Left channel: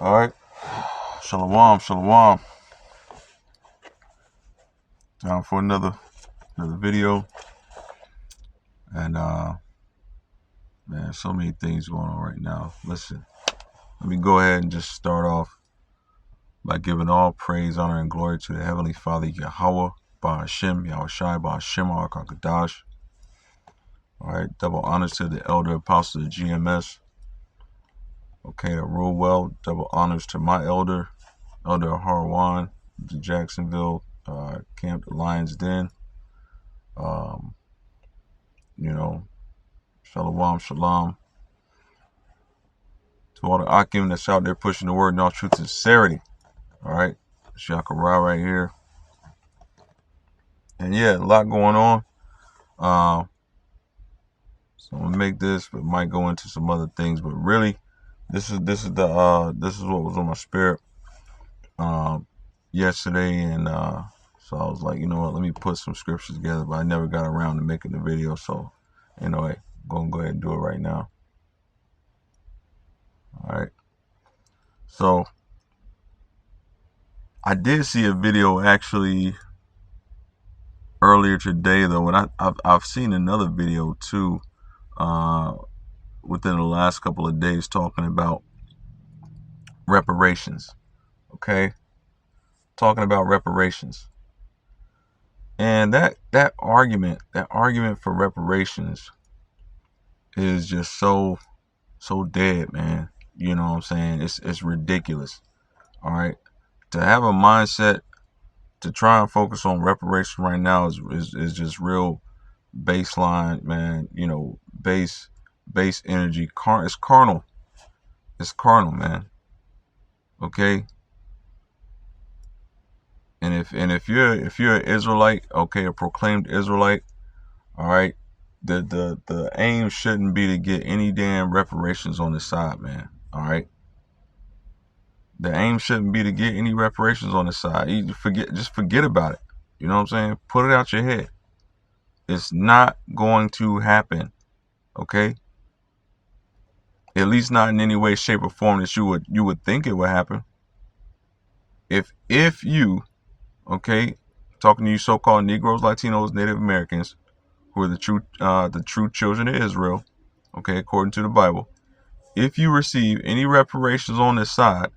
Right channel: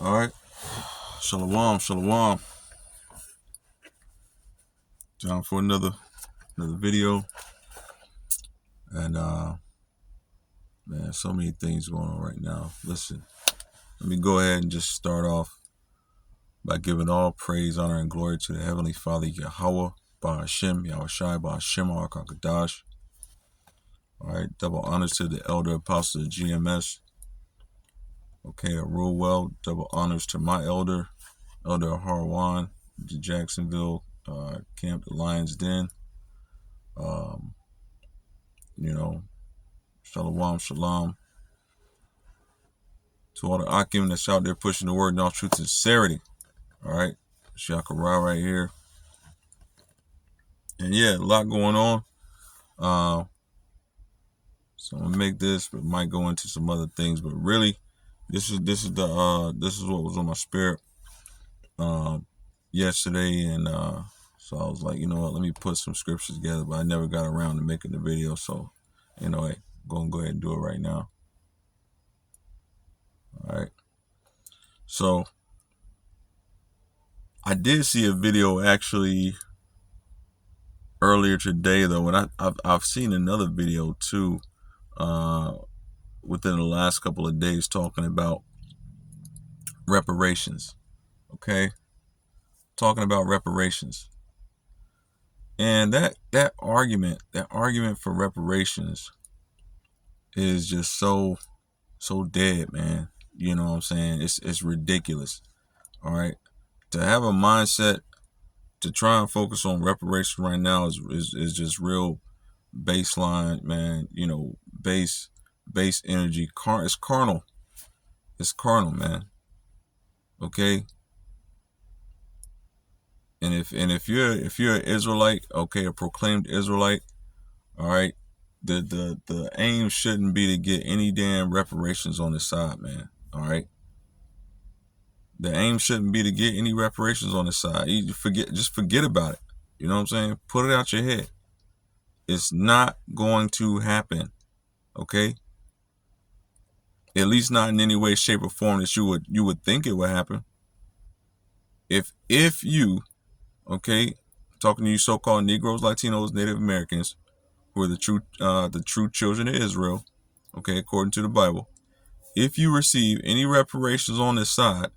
All right. Shalom, shalom. Time for another video. And man, so many things going on right now. Listen, let me go ahead and just start off by giving all praise, honor, and glory to the Heavenly Father, Yahweh, Ba'ashem, Yahushai, Ba'ashem, Arkakadash. All right, double honors to the elder apostles of GMS. Okay, to rule well. Double honors to my elder Harwan, the Jacksonville Camp, the Lions Den. Shalom, shalom. To all the Akim that's out there pushing the word in all truth and sincerity. All right, Shakara right here. And yeah, a lot going on. So I'm gonna make this, but might go into some other things. But really, this is what was on my spirit yesterday, and so I was like, you know what, let me put some scriptures together. But I never got around to making the video, so anyway, gonna go ahead and do it right now. All right. So I did see a video actually earlier today, though, and I've seen another video too within the last couple of days talking about reparations. Okay, talking about reparations, and that argument for reparations is just so dead, man. You know what I'm saying? It's ridiculous. All right, to have a mindset to try and focus on reparation right now is just real baseline, man. You know, base energy. It's carnal. It's carnal, man. Okay. And if you're an Israelite, okay, a proclaimed Israelite, all right, the aim shouldn't be to get any damn reparations on this side, man. All right. The aim shouldn't be to get any reparations on the side. You just forget about it. You know what I'm saying? Put it out your head. It's not going to happen. Okay? At least not in any way, shape, or form that you would think it would happen. If you, okay, talking to you so-called Negroes, Latinos, Native Americans, who are the true children of Israel, okay, according to the Bible, if you receive any reparations on this side,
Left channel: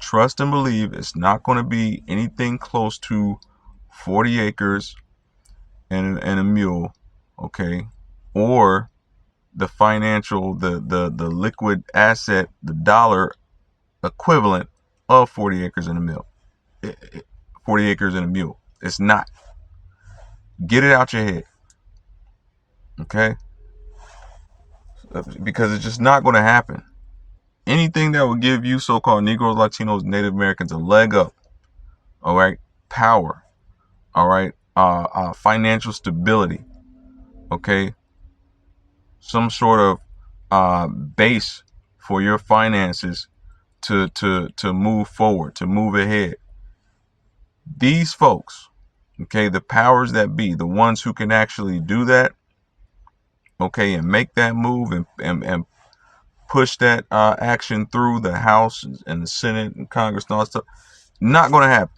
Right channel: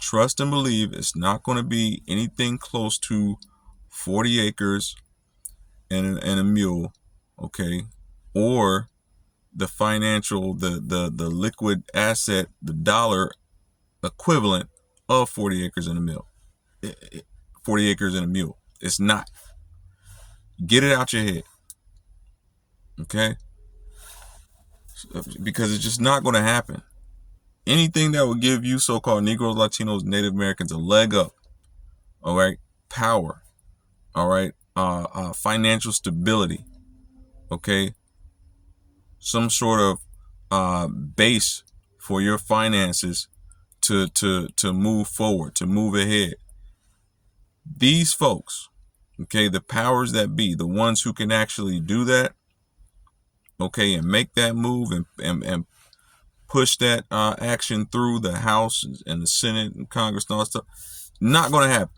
trust and believe it's not going to be anything close to 40 acres and a mule, okay, or the financial, the liquid asset, the dollar equivalent of 40 acres and a mule. 40 acres and a mule. It's not. Get it out your head, okay? Because it's just not going to happen. Anything that will give you so-called Negroes, Latinos, Native Americans a leg up, all right, power, all right, financial stability, okay, some sort of base for your finances to move forward, to move ahead. These folks, okay, the powers that be, the ones who can actually do that, okay, and make that move and push that action through the House and the Senate and Congress and all that stuff, not going to happen.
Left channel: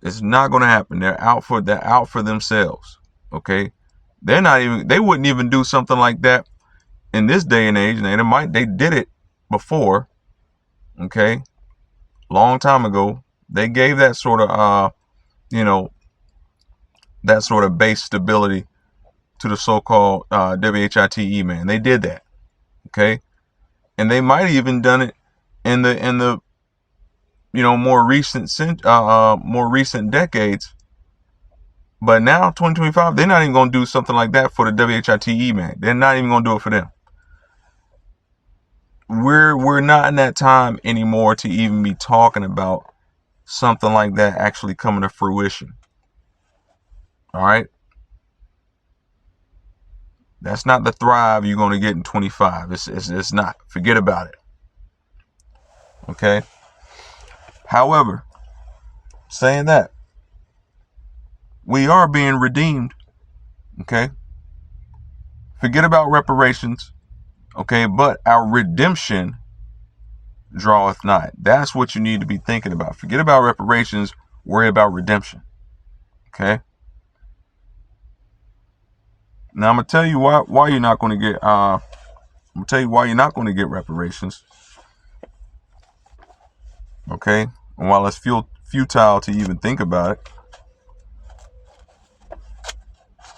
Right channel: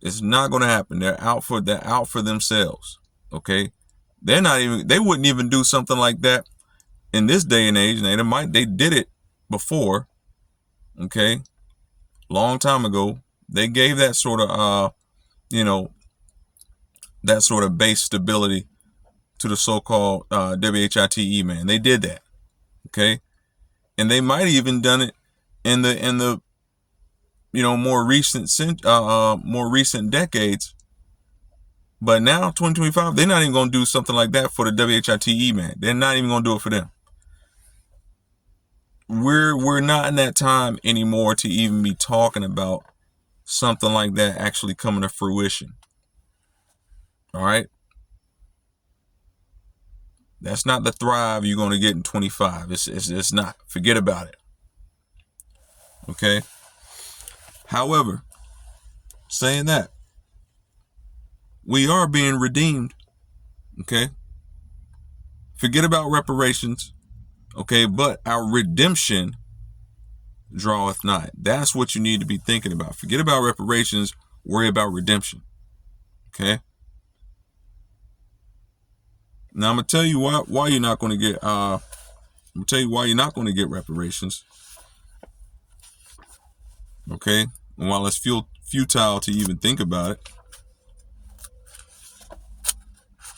It's not going to happen. They're out for themselves. Okay, they wouldn't even do something like that in this day and age. And they did it before. Okay, long time ago. They gave that sort of that sort of base stability to the so-called WHITE, man. They did that. Okay, and they might have even done it in the more recent decades. But now, 2025, they're not even going to do something like that for the WHITE, man. They're not even going to do it for them. We're not in that time anymore to even be talking about something like that actually coming to fruition. All right? That's not the thrive you're going to get in 25. It's not. Forget about it. Okay? However, saying that, we are being redeemed. Okay? Forget about reparations. Okay, but our redemption draweth nigh. That's what you need to be thinking about. Forget about reparations, worry about redemption. Okay. Now I'm gonna tell you why you're not going to get I'm gonna tell you why you're not going to get reparations. Okay, and while it's futile to even think about it,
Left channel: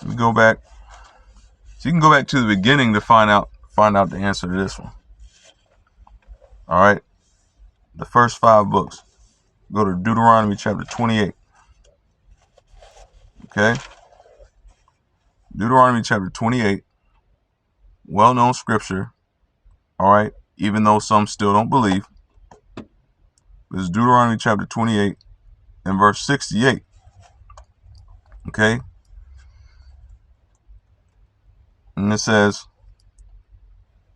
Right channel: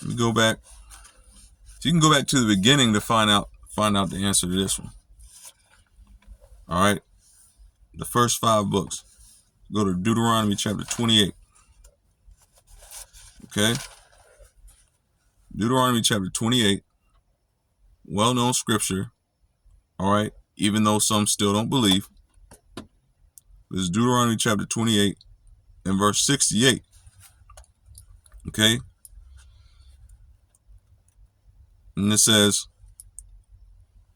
let me go back. So you can go back to the beginning to find out the answer to this one. All right, the first 5 books. Go to Deuteronomy chapter 28. Okay, Deuteronomy chapter 28, well-known scripture. All right, even though some still don't believe. This is Deuteronomy chapter 28 and verse 68. Okay, and it says,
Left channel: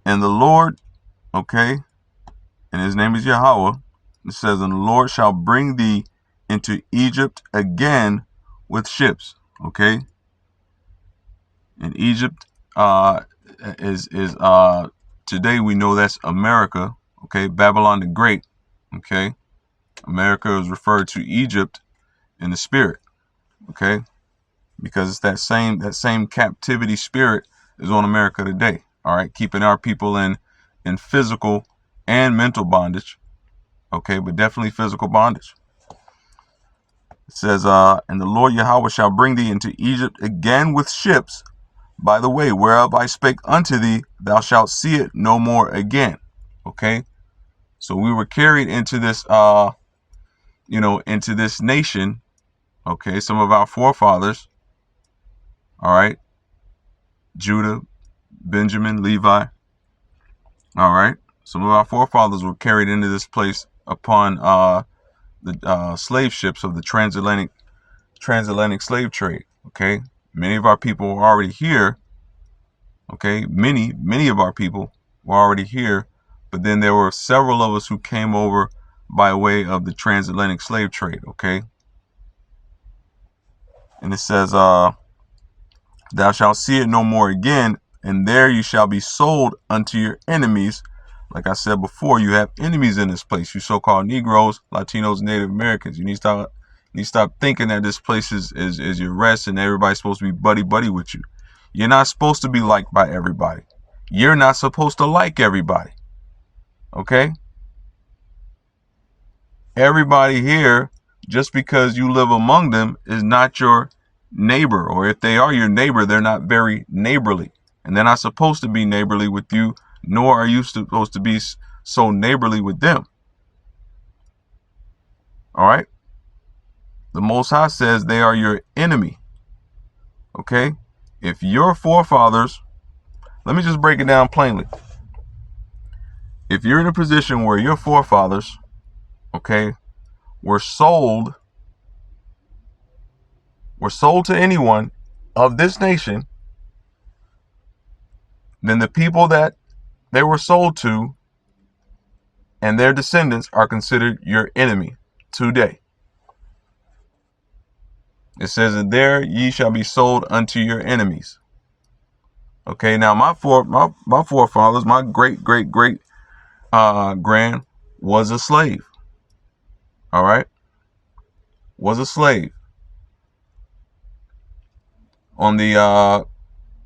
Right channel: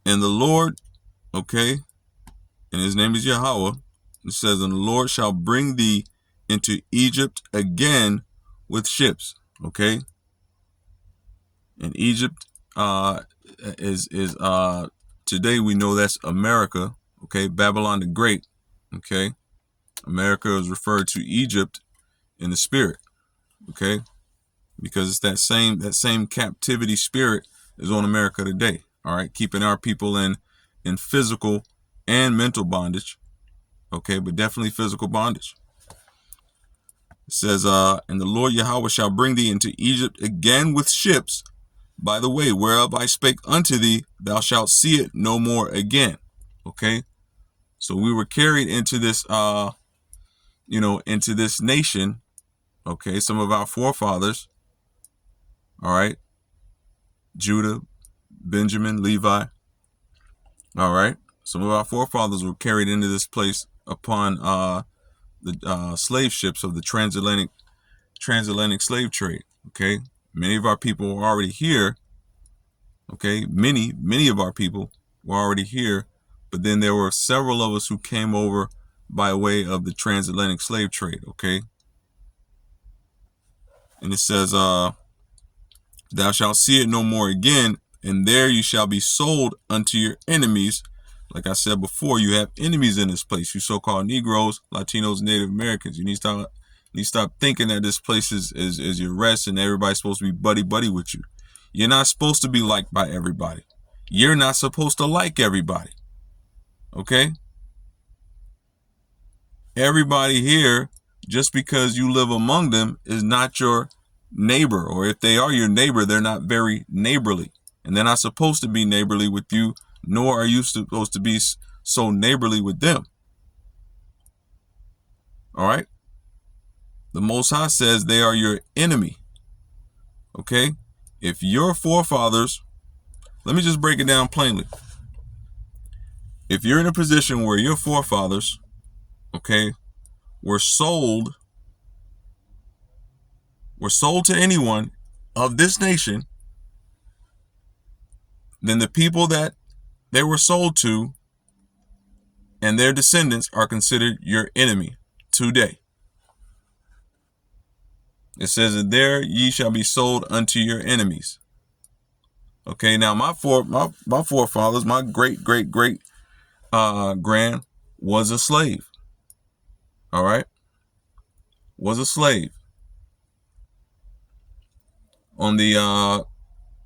and the Lord, okay, and his name is Yahweh. It says, and the Lord shall bring thee into Egypt again with ships. Okay, and Egypt is today we know that's America. Okay, Babylon the Great. Okay, America is referred to Egypt in the spirit. Okay, because it's that same captivity spirit is on America today. All right, keeping our people in physical and mental bondage. Okay, but definitely physical bondage. It says, and the Lord Yahweh shall bring thee into Egypt again with ships, by the way, whereof I spake unto thee, thou shalt see it no more again. Okay, so we were carried into this, into this nation. Okay, some of our forefathers. All right, Judah, Benjamin, Levi. All right, some of our forefathers were carried into this place upon the slave ships of the transatlantic slave trade. Okay, many of our people were already here. Okay, many of our people were already here, but then there were several of us who came over by way of the transatlantic slave trade. Okay, and it says, thou shalt see it no more again, and there you shall be sold unto your enemies. Like I said before, you have enemies in this place, you so-called Negroes, Latinos, Native Americans. You need to stop thinking that this place is your rest and everybody's supposed to be buddy with you. You're not supposed to be liked by everybody. You're not supposed to like everybody. Okay? Everybody here, just because you live among them, is not your neighbor. Or if they are your neighbor, they're not very neighborly. And they're not supposed to be neighborly with you, nor are you supposed to be so neighborly with them. All right? The Most High says they are your enemy. Okay? If your forefathers, let me just break it down plainly. If you're in a position where your forefathers, okay, were sold to anyone of this nation, then the people that they were sold to and their descendants are considered your enemy today. It says, and there ye shall be sold unto your enemies. Okay, now my forefathers, my great grand was a slave. All right, was a slave on the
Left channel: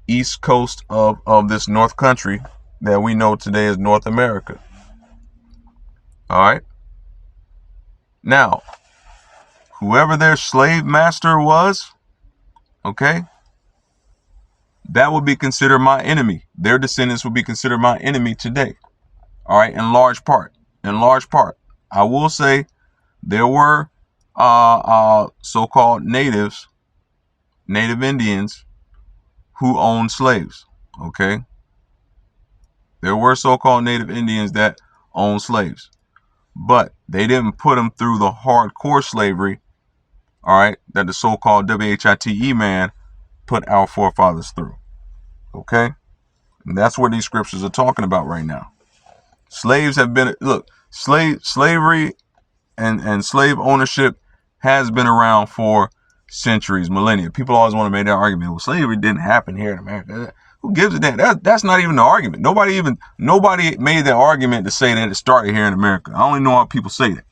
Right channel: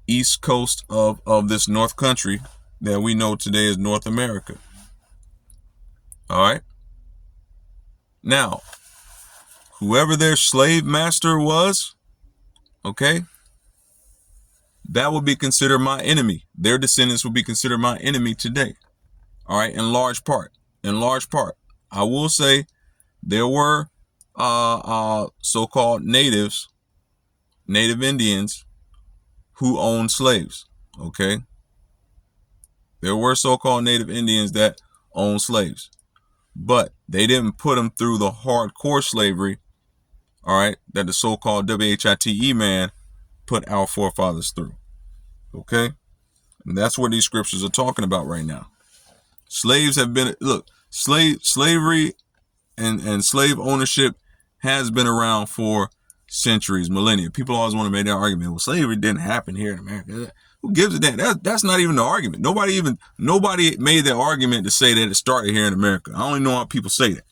east coast of this North Country that we know today as North America. All right. Now, whoever their slave master was, okay, that would be considered my enemy. Their descendants would be considered my enemy today. All right, in large part. I will say there were so-called native Indians who owned slaves. Okay, there were so-called native Indians that owned slaves, but they didn't put them through the hardcore slavery, all right, that the so-called WHITE man put our forefathers through. Okay, and that's what these scriptures are talking about right now. Slaves have been, slavery and slave ownership has been around for centuries, millennia. People always want to make that argument. Well, slavery didn't happen here in America. Who gives a damn? That's not even the argument. Nobody made that argument to say that it started here in America. I only know how people say that.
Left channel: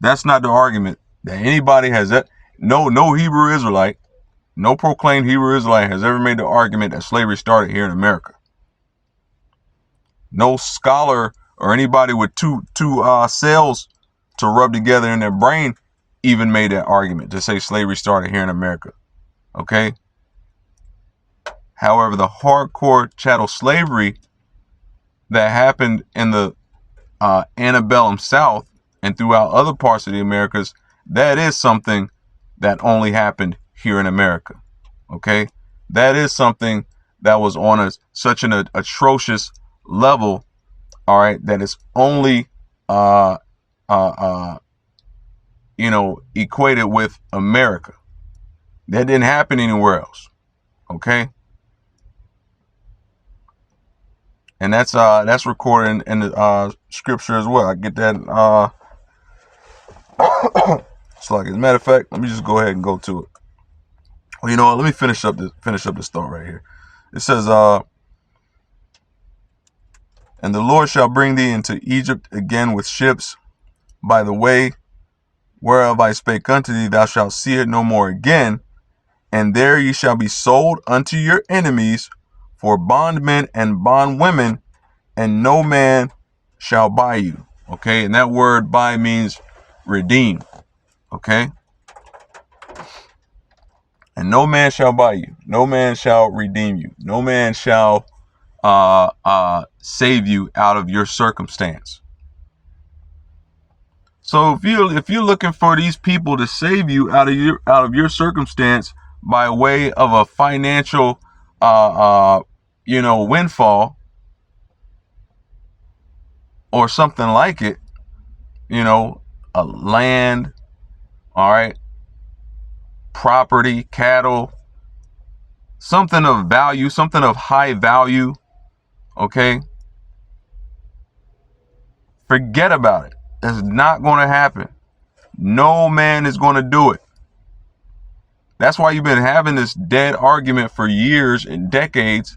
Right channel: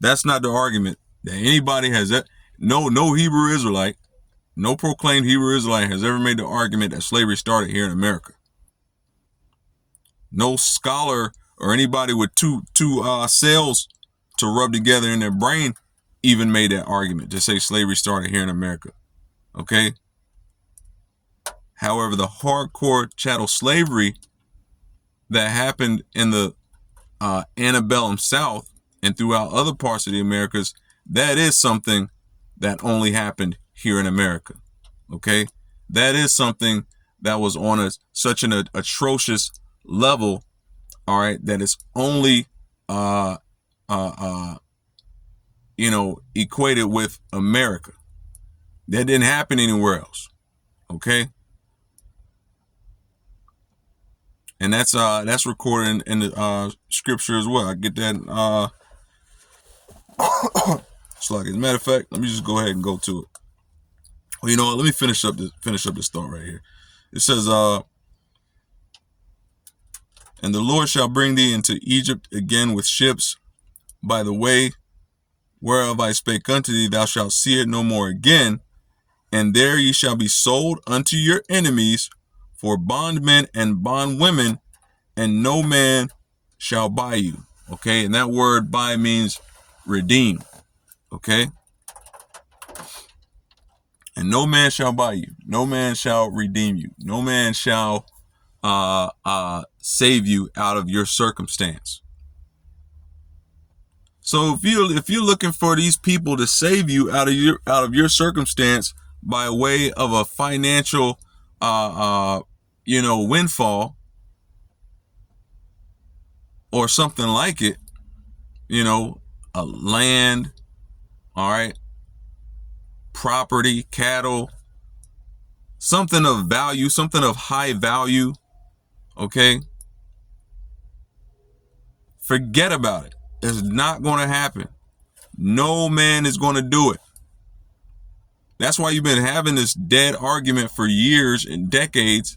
That's not the argument that anybody has. That no Hebrew Israelite, no proclaimed Hebrew Israelite has ever made the argument that slavery started here in America. No scholar or anybody with two cells to rub together in their brain even made that argument to say slavery started here in America. Okay. However, the hardcore chattel slavery that happened in the antebellum South and throughout other parts of the Americas, that is something that only happened here in America. Okay. That is something that was on such an atrocious level. All right. That is only, equated with America. That didn't happen anywhere else. Okay. And that's recorded in the scripture as well. I get that. So, like, as a matter of fact, let me just go ahead and go to it. Well, you know what? Let me finish up this thought right here. It says, and the Lord shall bring thee into Egypt again with ships by the way whereof I spake unto thee, thou shalt see it no more again. And there ye shall be sold unto your enemies for bondmen and bondwomen, and no man shall buy you. Okay. And that word buy means redeem. Okay. And no man shall buy you. No man shall redeem you. No man shall save you out of your circumstance. So if you're looking for these people to save you out of your circumstance by way of a financial windfall or something like it, a land, all right, property, cattle, something of value, something of high value, okay? Forget about it. It's not going to happen. No man is going to do it. That's why you've been having this dead argument for years and decades,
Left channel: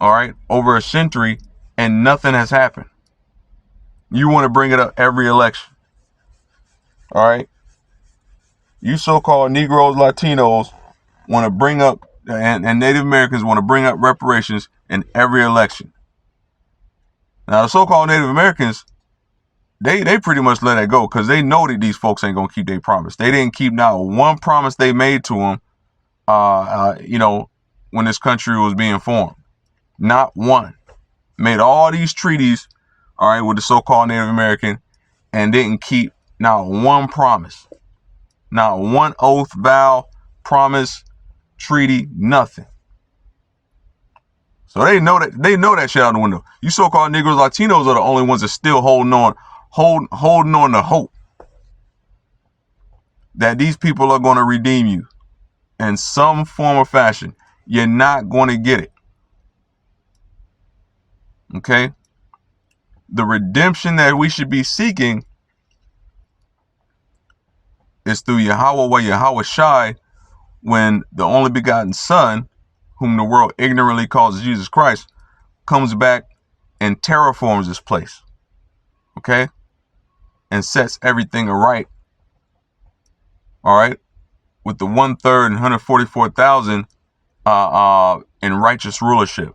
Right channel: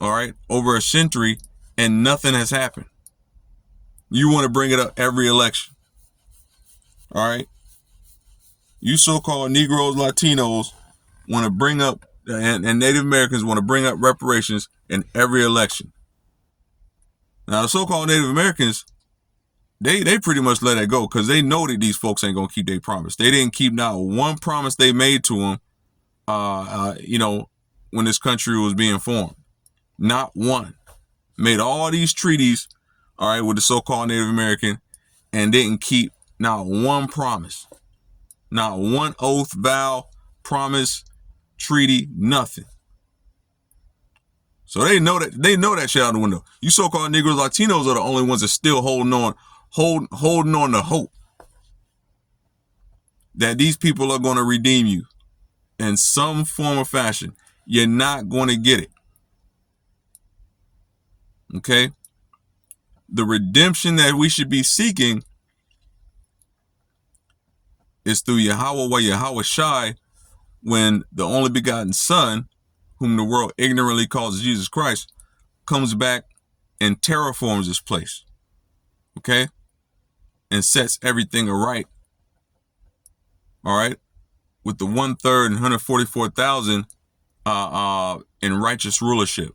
all right, over a century, and nothing has happened. You want to bring it up every election, all right? You so-called Negroes, Latinos want to bring up, and Native Americans want to bring up reparations in every election. Now, the so-called Native Americans, they pretty much let it go because they know that these folks ain't going to keep their promise. They didn't keep not one promise they made to them, when this country was being formed. Not one. Made all these treaties, all right, with the so-called Native American and didn't keep not one promise. Not one oath, vow, promise, treaty, nothing. So they know that shit out the window. You so-called Negroes, Latinos are the only ones that still holding on to hope that these people are going to redeem you in some form or fashion. You're not going to get it. Okay? The redemption that we should be seeking is through Yahweh or Yahweh Shai, when the only begotten Son, whom the world ignorantly calls Jesus Christ, comes back and terraforms this place. Okay? And sets everything aright. All right? With the 1/3 and 144,000 in righteous rulership.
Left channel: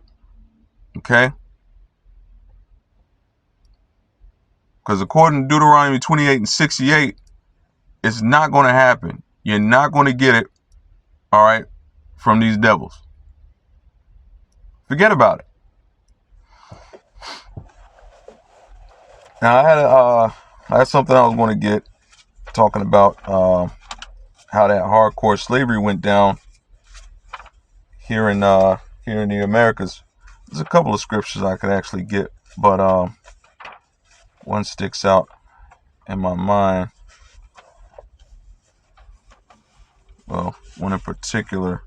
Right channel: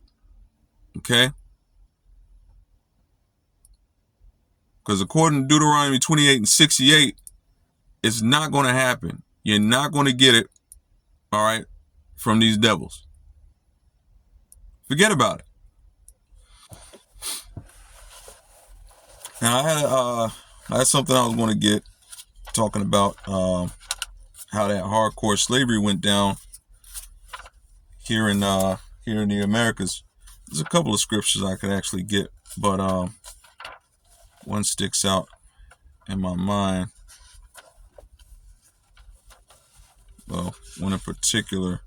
Okay? Because according to Deuteronomy 28:68, it's not going to happen. You're not going to get it, all right, from these devils. Forget about it. Now, I had something I was going to get talking about how that hardcore slavery went down here in the Americas. There's a couple of scriptures I could actually get, but one sticks out in my mind. Well, one in particular.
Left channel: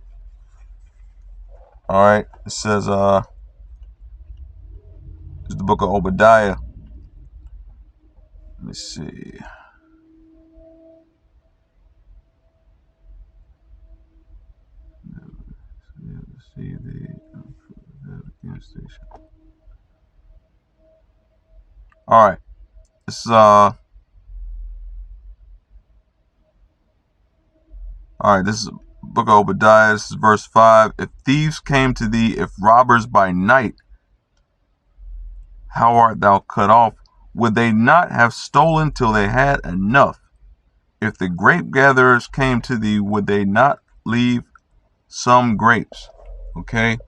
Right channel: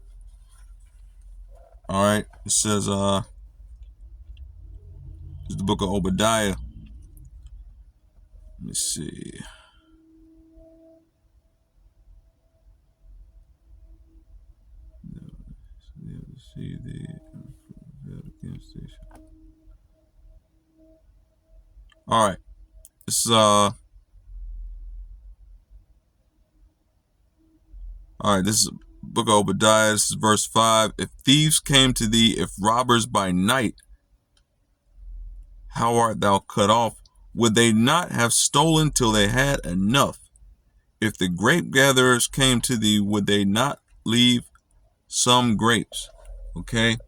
All right, it says it's the book of Obadiah. Let me see. All right. This is all right, this is book of Obadiah. This is verse 5. If thieves came to thee, if robbers by night, how art thou cut off? Would they not have stolen till they had enough? If the grape gatherers came to thee, would they not leave some grapes? Okay.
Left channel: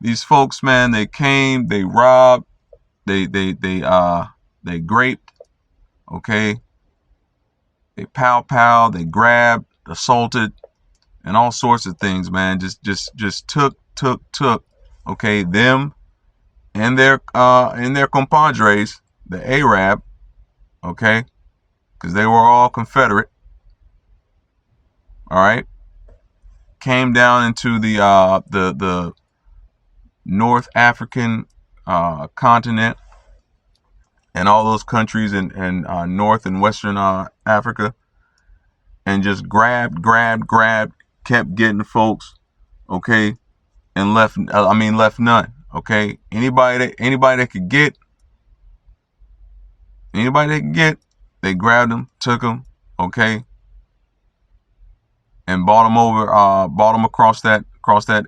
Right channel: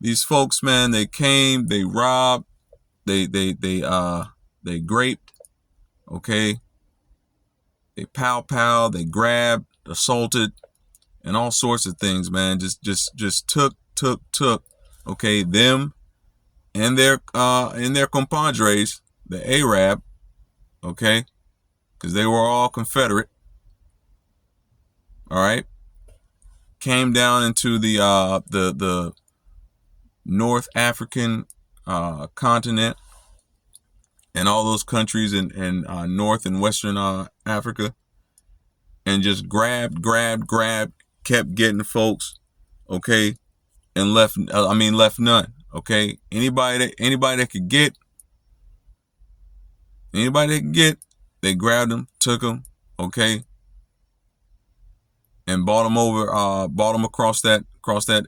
These folks, man, they came, they robbed, they graped, okay? They pow, they grabbed, assaulted, and all sorts of things, man. Just took, okay, them and their compadres, the Arab, okay, because they were all Confederate. All right, came down into the North African continent and all those countries in North and Western Africa, and just grabbed, kept getting folks, okay, and left none, okay. Anybody that could get, they grabbed them, took them, okay, and bought them across that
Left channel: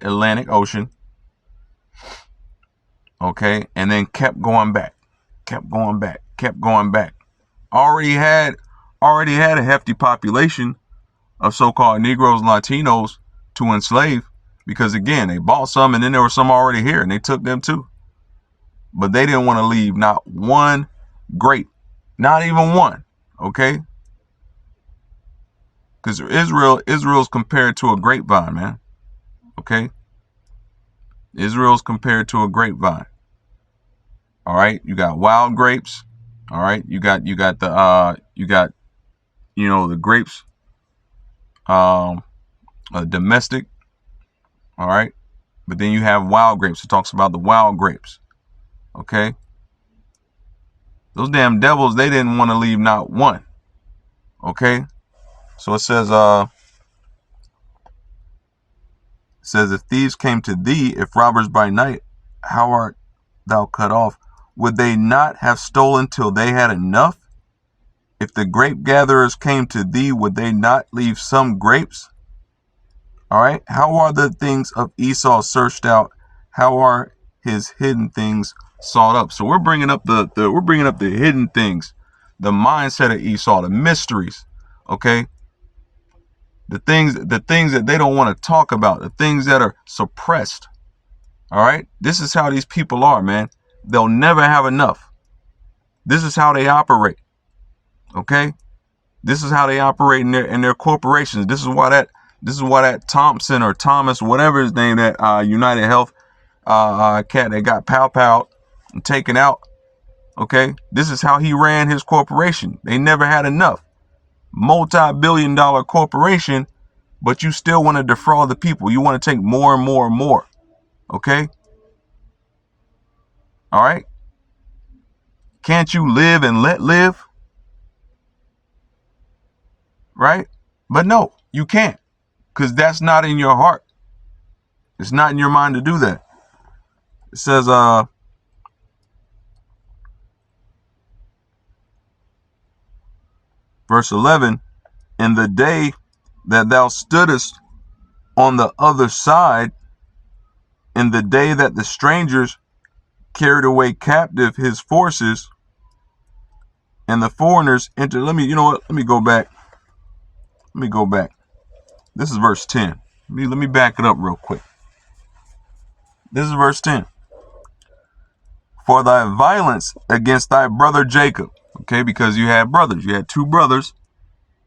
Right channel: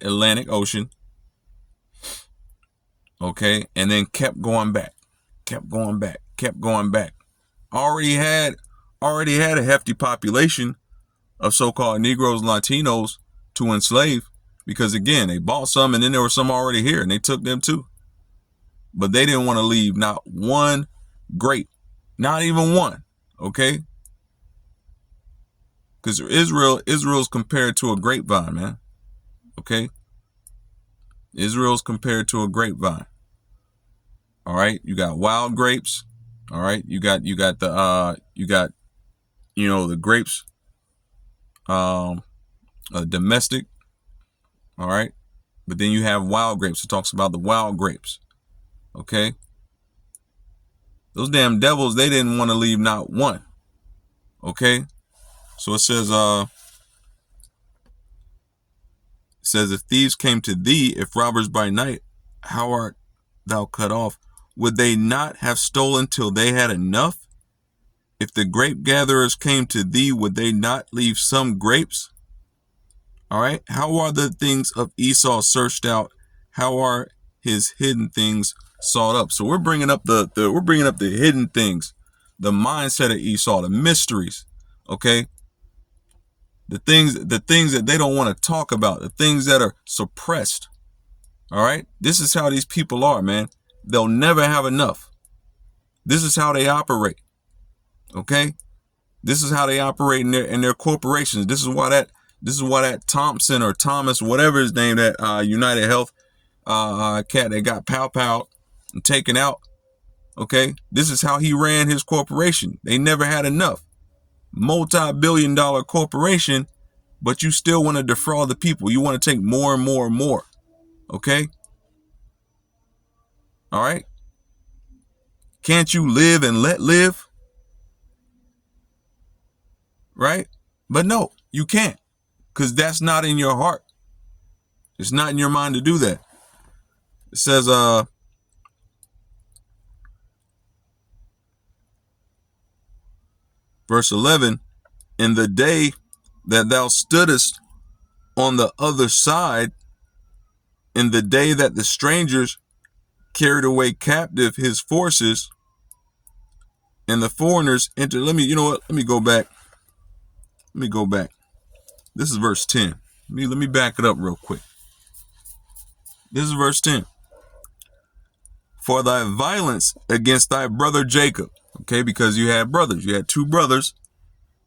Atlantic Ocean, okay, and then kept going back. Already had a hefty population of so-called Negroes and Latinos to enslave, because again, they bought some and then there were some already here and they took them too. But they didn't want to leave not one grape, not even one, okay? Because Israel's compared to a grapevine, man, okay? Israel's compared to a grapevine. All right, you got wild grapes. All right, you got the grapes, domestic. All right, but then you have wild grapes. It talks about the wild grapes. Okay, those damn devils, they didn't want to leave not one. Okay, so it says if thieves came to thee, if robbers by night, how art thou cut off? Would they not have stolen till they had enough? If the grape gatherers came to thee, would they not leave some grapes? All right. How are the things of Esau searched out? How are his hidden things sought up? So we're bringing up the hidden things, the mindset of Esau, the mysteries. Okay. The things that they don't want to talk about, the things that are suppressed. All right. This is how these people are, man. They'll never have enough. This is how they operate. Okay? This is how they operate in their corporations. This is why that Thompson or Thomas, whatever his name, that United Health cat that got pow and taken out. Okay? This is how he ran his corporation. They never had enough. Multi-billion-dollar corporation, but you still want to defraud the people. You want to take more and more and more. Okay? All right. Can't you live and let live? Right? But no, you can't, because that's not in your heart. It's not in your mind to do that. It says, verse 11, in the day that thou stoodest on the other side, in the day that the strangers carried away captive his forces, and the foreigners entered. Let me go back. This is verse 10. Let me back it up real quick. This is verse 10. For thy violence against thy brother Jacob. Okay, because you had brothers. You had two brothers.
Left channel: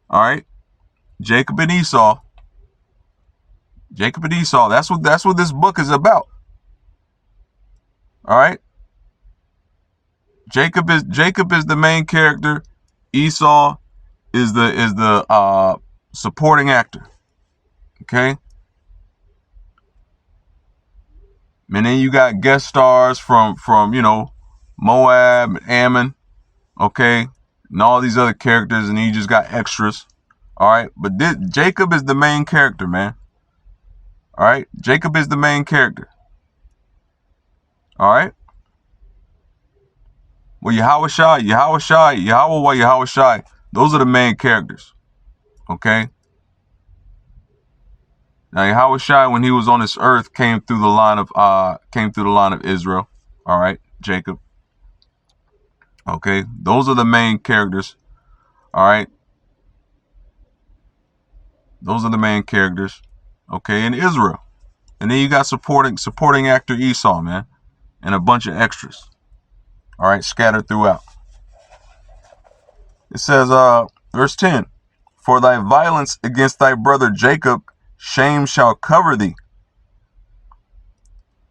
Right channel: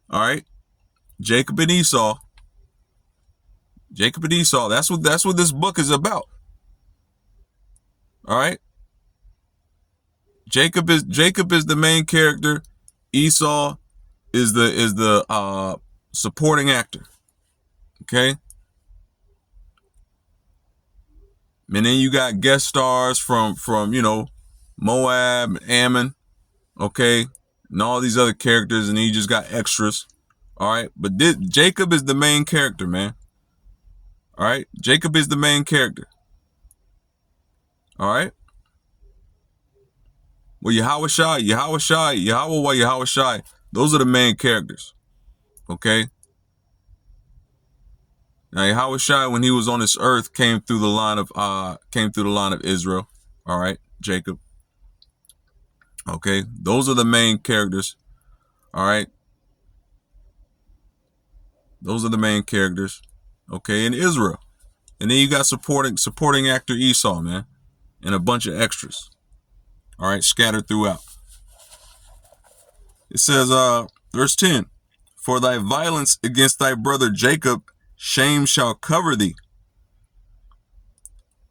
All right. Jacob and Esau. That's what this book is about. All right. Jacob is the main character. Esau is the supporting actor. Okay. And then you got guest stars from Moab and Ammon. Okay. And all these other characters, and then you just got extras. All right. But Jacob is the main character, man. All right. Jacob is the main character. All right. Well, Yahweh Shai, those are the main characters. Okay. Now Yahweh Shai, when he was on this earth, came through the line of Israel. All right, Jacob. Okay, those are the main characters. All right, those are the main characters. Okay, in Israel, and then you got supporting actor Esau, man, and a bunch of extras. All right, scattered throughout. It says, verse 10, for thy violence against thy brother Jacob, shame shall cover thee,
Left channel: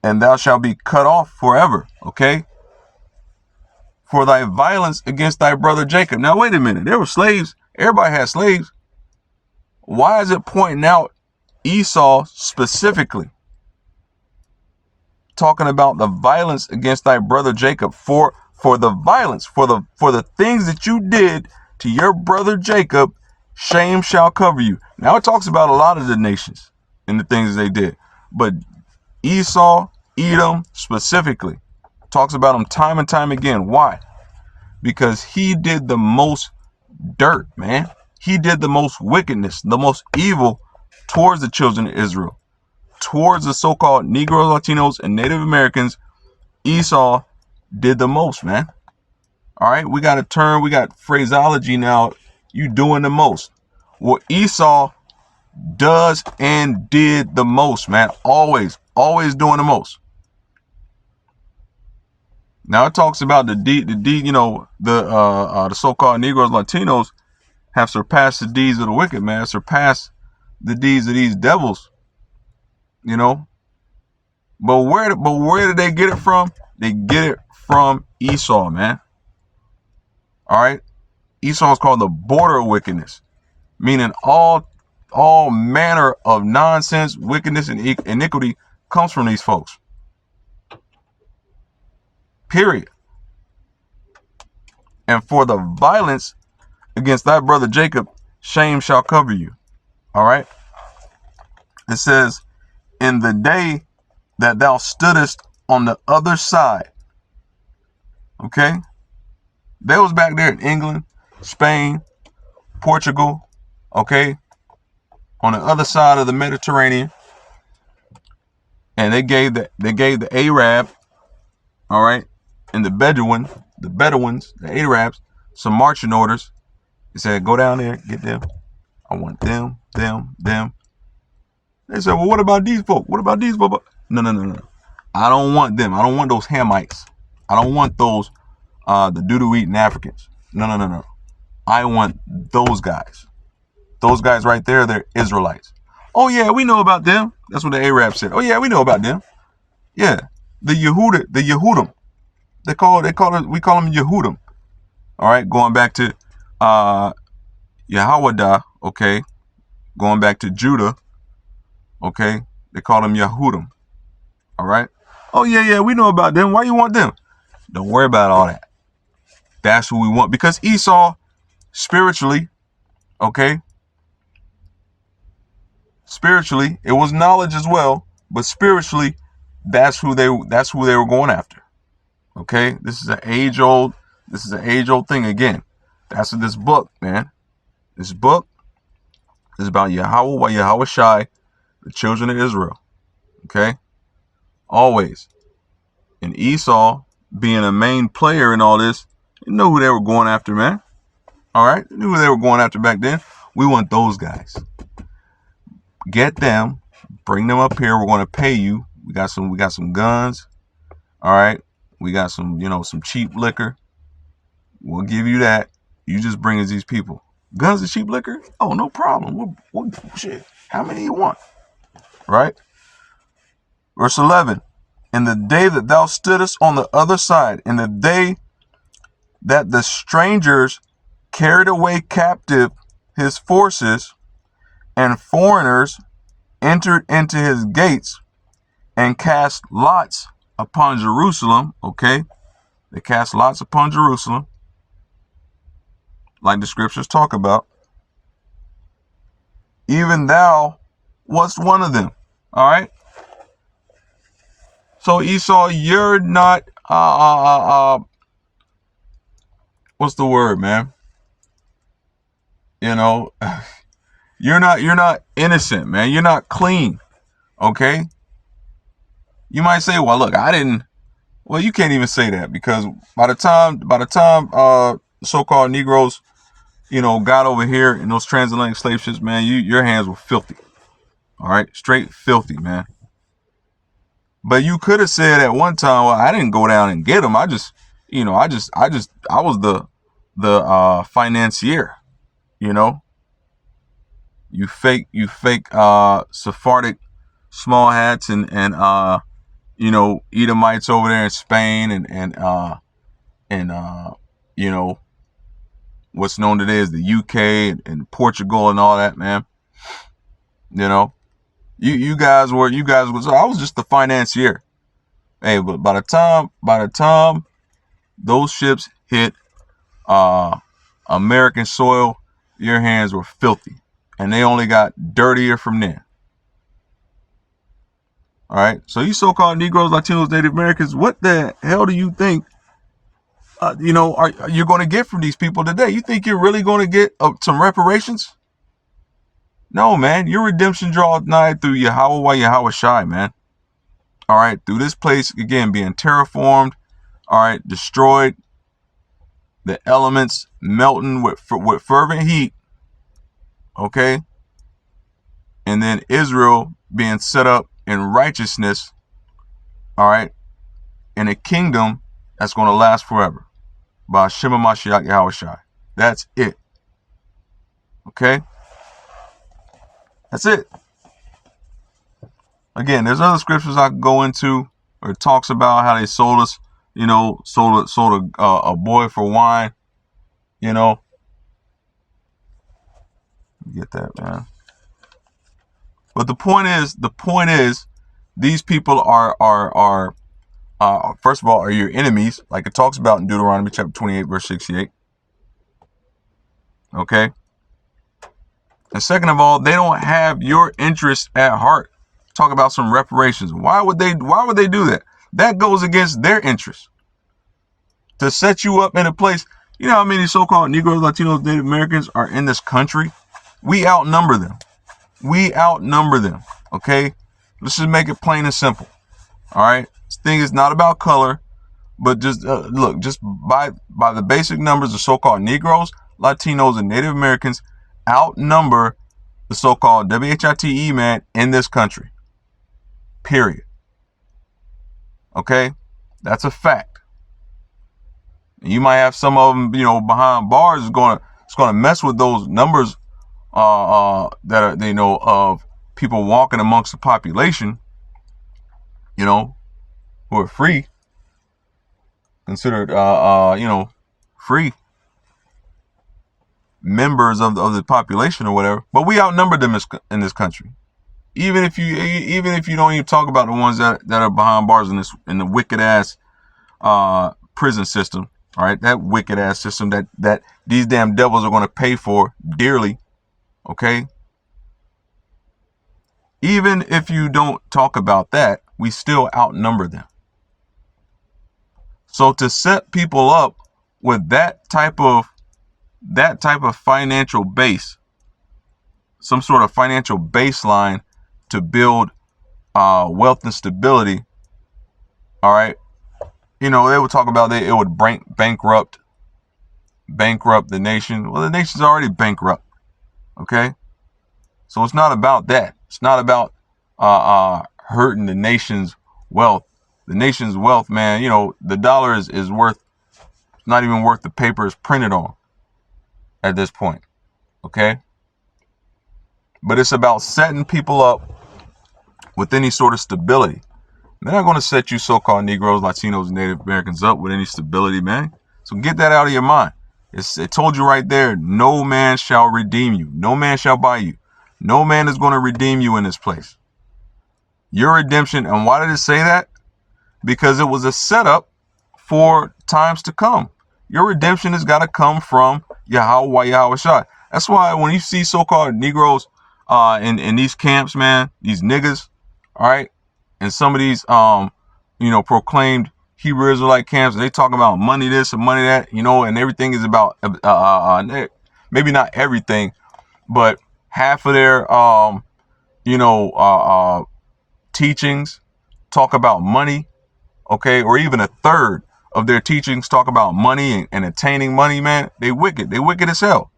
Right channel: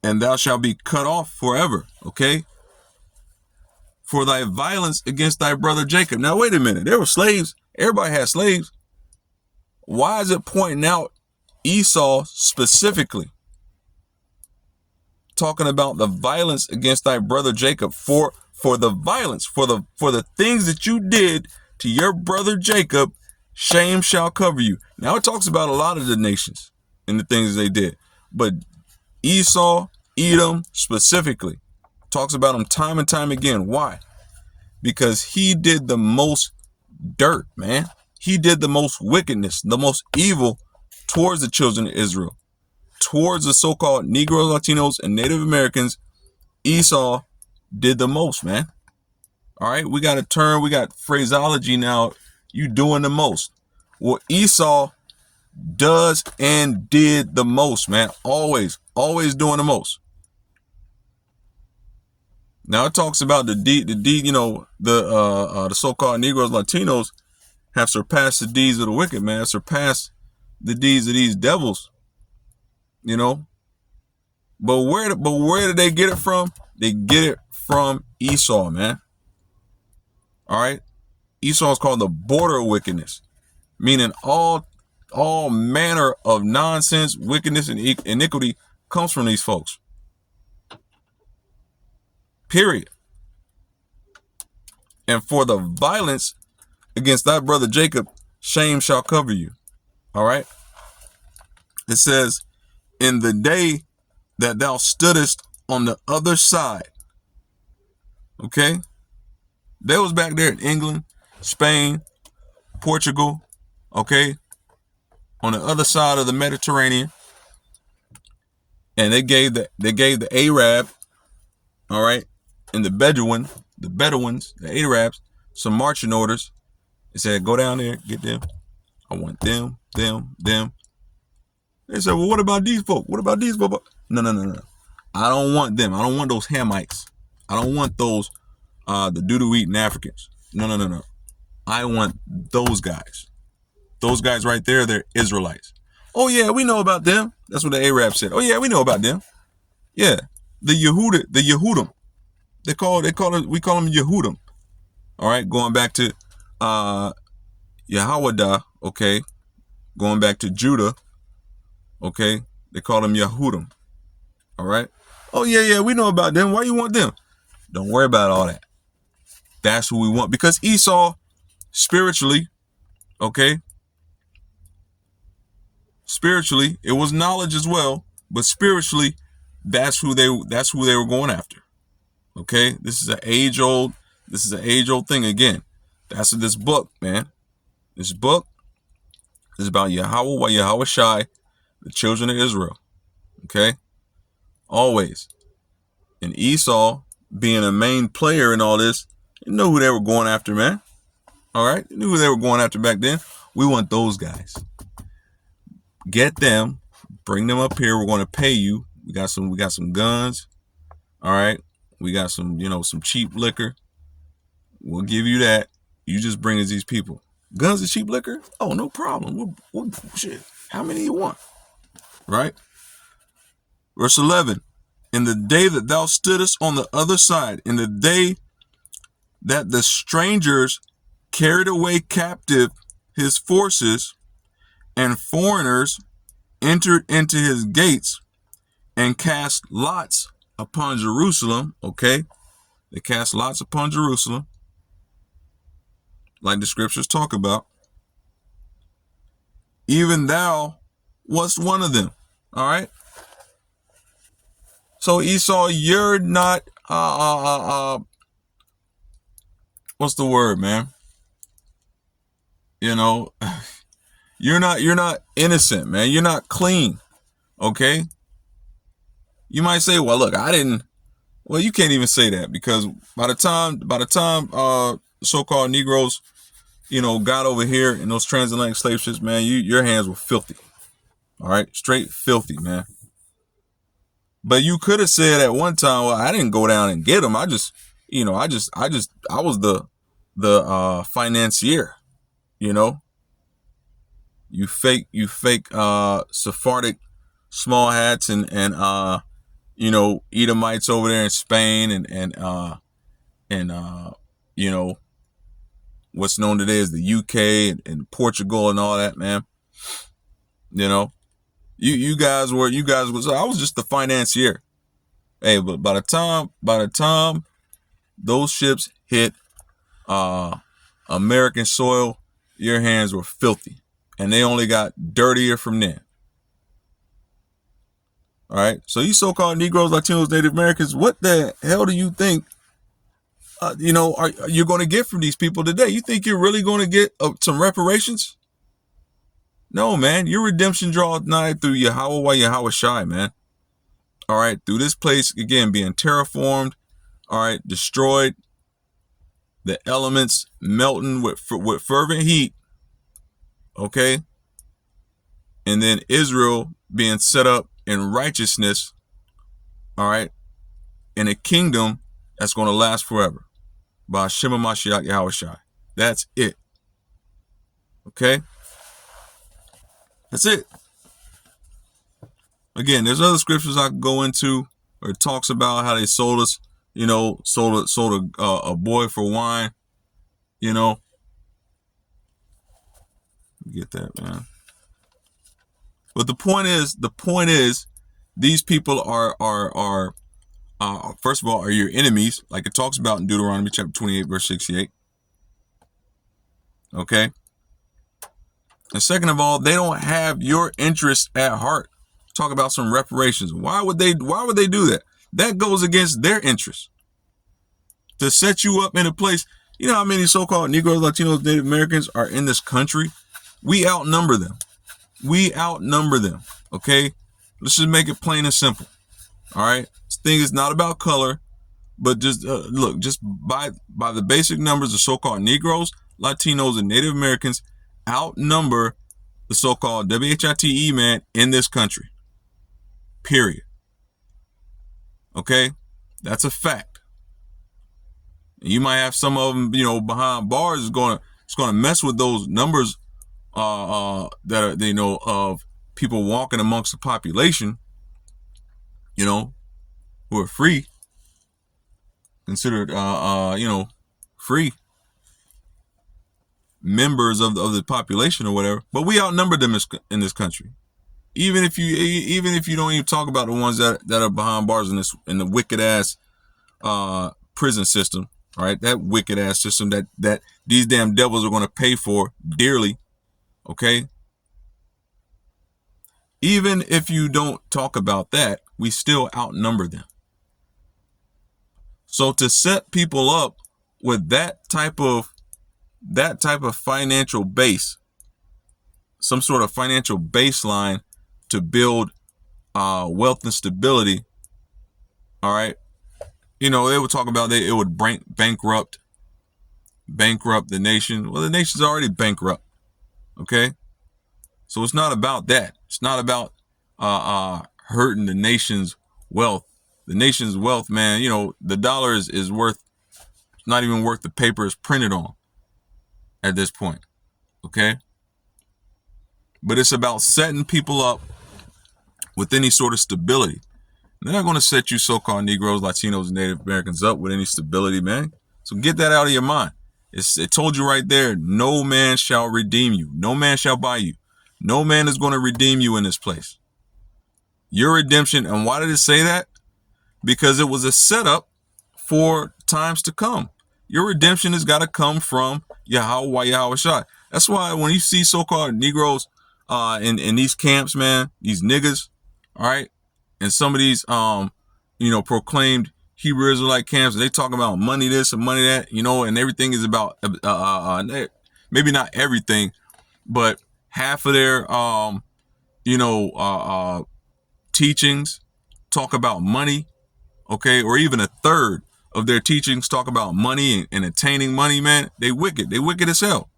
and thou shalt be cut off forever. Okay. For thy violence against thy brother Jacob. Now, wait a minute. There were slaves. Everybody had slaves. Why is it pointing out Esau specifically? Talking about the violence against thy brother Jacob. For the violence, for the things that you did to your brother Jacob, shame shall cover you. Now, it talks about a lot of the nations and the things they did. But Esau, Edom specifically, talks about them time and time again. Why? Because he did the most dirt, man. He did the most wickedness, the most evil towards the children of Israel, towards the so-called Negro, Latinos, and Native Americans. Esau did the most, man. All right, we got a term, we got phraseology now. You doing the most. Well, Esau does and did the most, man. Always doing the most. Now it talks about the so-called Negroes, Latinos have surpassed the deeds of the wicked, man. Surpassed the deeds of these devils, you know. But where did they get it from? They get it from Esau, man. All right. Esau is called the border of wickedness, meaning all manner of nonsense, wickedness, and iniquity comes from these folks. Period. And for the violence against thy brother Jacob, shame shall cover you. All right. It says, in the day that thou stoodest on the other side. Okay. They was back there in England, Spain, Portugal. Okay. On the other side of the Mediterranean. And they gave the Arab, all right, and the Bedouins, the Arabs, some marching orders. They said, go down there, get them. I want them. They said, well, what about these folk? What about these folk? No. I don't want them. I don't want those Hamites. I don't want those, the doo-doo-eating Africans. No. I want those guys. Those guys right there, they're Israelites. Oh, yeah, we know about them. That's what the Arabs said. Oh, yeah, we know about them. Yeah, the Yehudim. We call them Yehudim. All right, going back to Yahwadah, okay, going back to Judah, okay, they call them Yehudim. All right. Oh, yeah, we know about them. Why you want them? Don't worry about all that. That's who we want. Because Esau, spiritually, okay, spiritually, it was knowledge as well, but spiritually, that's who they were going after. Okay, this is an age-old thing again. That's what this book, man. This book is about Yahweh Shai, the children of Israel. Okay, always. And Esau being a main player in all this, you know who they were going after, man. All right, you knew who they were going after back then. We want those guys. Get them, bring them up here. We're going to pay you. We got some guns. All right. We got some cheap liquor. We'll give you that. You just bring us these people. Guns and cheap liquor? Oh, no problem. We'll shit. How many you want? Right? Verse 11. In the day that thou stoodest on the other side, in the day that the strangers carried away captive his forces, and foreigners entered into his gates and cast lots upon Jerusalem. Okay, they cast lots upon Jerusalem, like the scriptures talk about. Even thou wast one of them. All right. So Esau, you're not what's the word, man? You know, you're not innocent, man. You're not clean. Okay. You might say, well, look, I didn't. Well, you can't even say that, because by the time so-called Negroes, got over here in those transatlantic slave ships, man, your hands were filthy. All right, straight filthy, man. But you could have said at one time, well, I didn't go down and get them. I was the financier. You fake Sephardic small hats and Edomites over there in Spain and what's known today as the UK and Portugal and all that, man. You guys were so I was just the financier. Hey, but by the time those ships hit American soil, your hands were filthy, and they only got dirtier from there. All right, so you so-called Negroes, Latinos, Native Americans, what the hell do you think are you're going to get from these people today? You think you're really going to get some reparations? No, man. Your redemption draweth nigh through Yahweh Shai, man. All right, through this place again being terraformed, all right, destroyed, the elements melting with fervent heat, okay, and then Israel being set up in righteousness, all right, in a kingdom that's going to last forever. By Shema Mashiach Yahweh Shai. That's it. Okay? That's it. Again, there's other scriptures I could go into where it talks about how they sold us, sold a boy for wine, Get that, man. But the point is, these people are first of all, are your enemies, like it talks about in Deuteronomy chapter 28, verse 68. Okay. And second of all, they don't have your interests at heart. Talk about some reparations. Why would they do that? That goes against their interests. To set you up in a place, you know how many so-called Negroes, Latinos, Native Americans are in this country? We outnumber them. Okay. Let's just make it plain and simple. All right. This thing is not about color, but just look, just by the basic numbers, the so-called Negroes, Latinos, and Native Americans outnumber the so-called WHITE man in this country. Period. Okay, that's a fact. And you might have some of them, behind bars is going to mess with those numbers that are of people walking amongst the population, who are free, considered, free members of the population or whatever. But we outnumber them in this country. Even if you don't even talk about the ones that are behind bars in the wicked ass prison system, all right, that wicked ass system that these damn devils are going to pay for dearly, okay. Even if you don't talk about that, we still outnumber them. So to set people up with that type of financial base, some sort of financial baseline to build wealth and stability, all right, they would talk about it would bankrupt the nation. Well, the nation's already bankrupt, okay? So it's not about that. It's not about hurting the nation's wealth. The nation's wealth, man, the dollar is worth, it's not even worth the paper it's printed on at this point, okay? But it's about setting people up with any sort of stability. They're not going to set you so-called Negroes, Latinos, and Native Americans up with any stability, man. So get that out of your mind. It told you right there, no man shall redeem you. No man shall buy you. No man is going to redeem you in this place. Your redemption, and why did it say that? Because it was a setup for times to come. Your redemption has got to come from Yahweh Shai. That's why when you see so-called Negroes in these camps, man, these niggas, All right. And some of these, proclaimed Hebrew Israelite camps, they talk about money this and money that, and everything is about, maybe not everything, but half of their, teachings talk about money, okay, or even a third of their teachings talk about money and attaining money, man. They wicked as hell.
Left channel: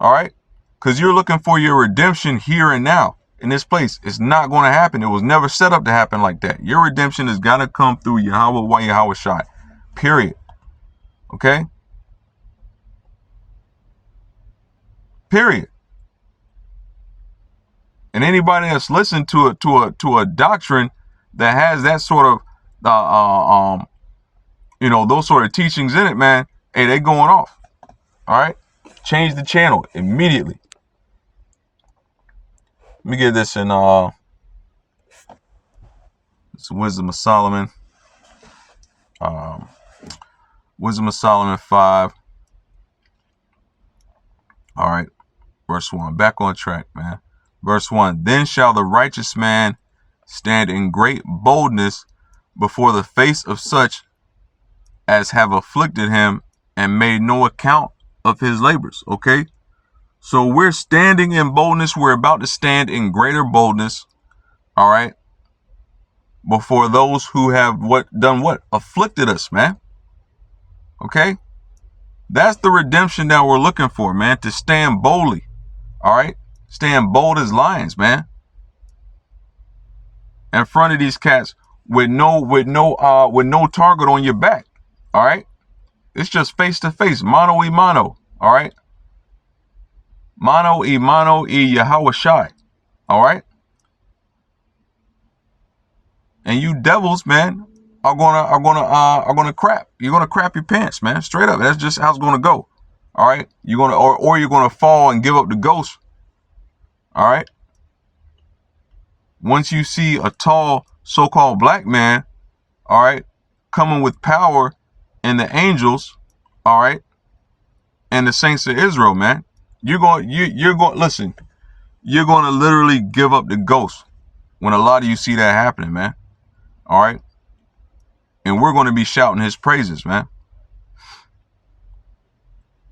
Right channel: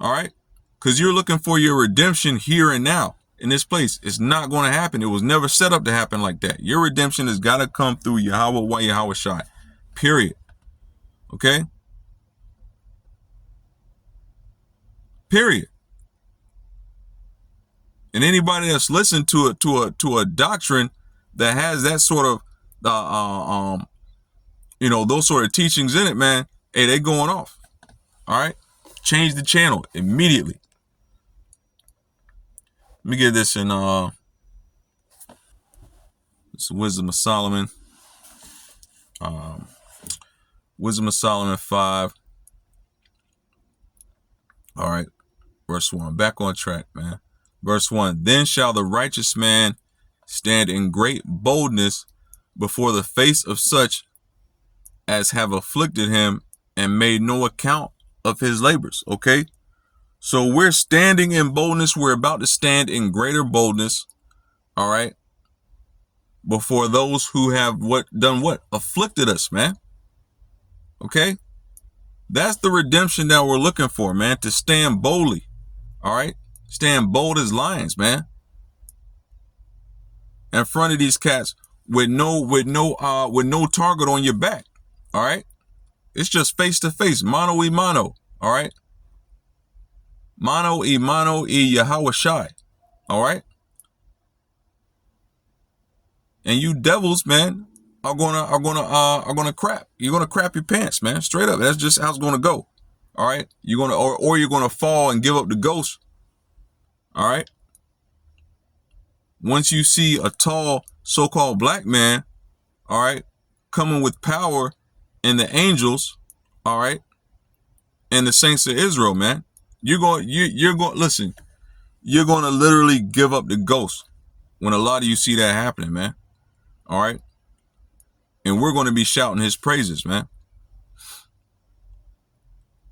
All right, because you're looking for your redemption here and now in this place. It's not going to happen. It was never set up to happen like that. Your redemption is gonna come through Yahweh Shai. Period. Okay. Period. And anybody that's listened to a doctrine that has that sort of those sort of teachings in it, man, hey, they going off. All right, change the channel immediately. Let me get this in it's Wisdom of Solomon. Wisdom of Solomon 5. All right, verse 1. Back on track, man. Verse 1. Then shall the righteous man stand in great boldness before the face of such as have afflicted him and made no account of his labors. Okay, so we're standing in boldness. We're about to stand in greater boldness. All right, before those who have done what? Afflicted us, man. Okay, that's the redemption that we're looking for, man. To stand boldly. All right, stand bold as lions, man, in front of these cats with no target on your back. All right, it's just face to face, mano y mano. All right, mano y Yahweh Shai. All right, and you devils, man, are gonna crap. You're gonna crap your pants, man. Straight up. That's just how it's gonna go. All right, you're gonna or you're gonna fall and give up the ghost. All right. Once you see a tall so-called black man, all right, coming with power and the angels, all right, and the saints of Israel, man, you're going listen, you're going to literally give up the ghost when a lot of you see that happening, man. All right. And we're going to be shouting his praises, man.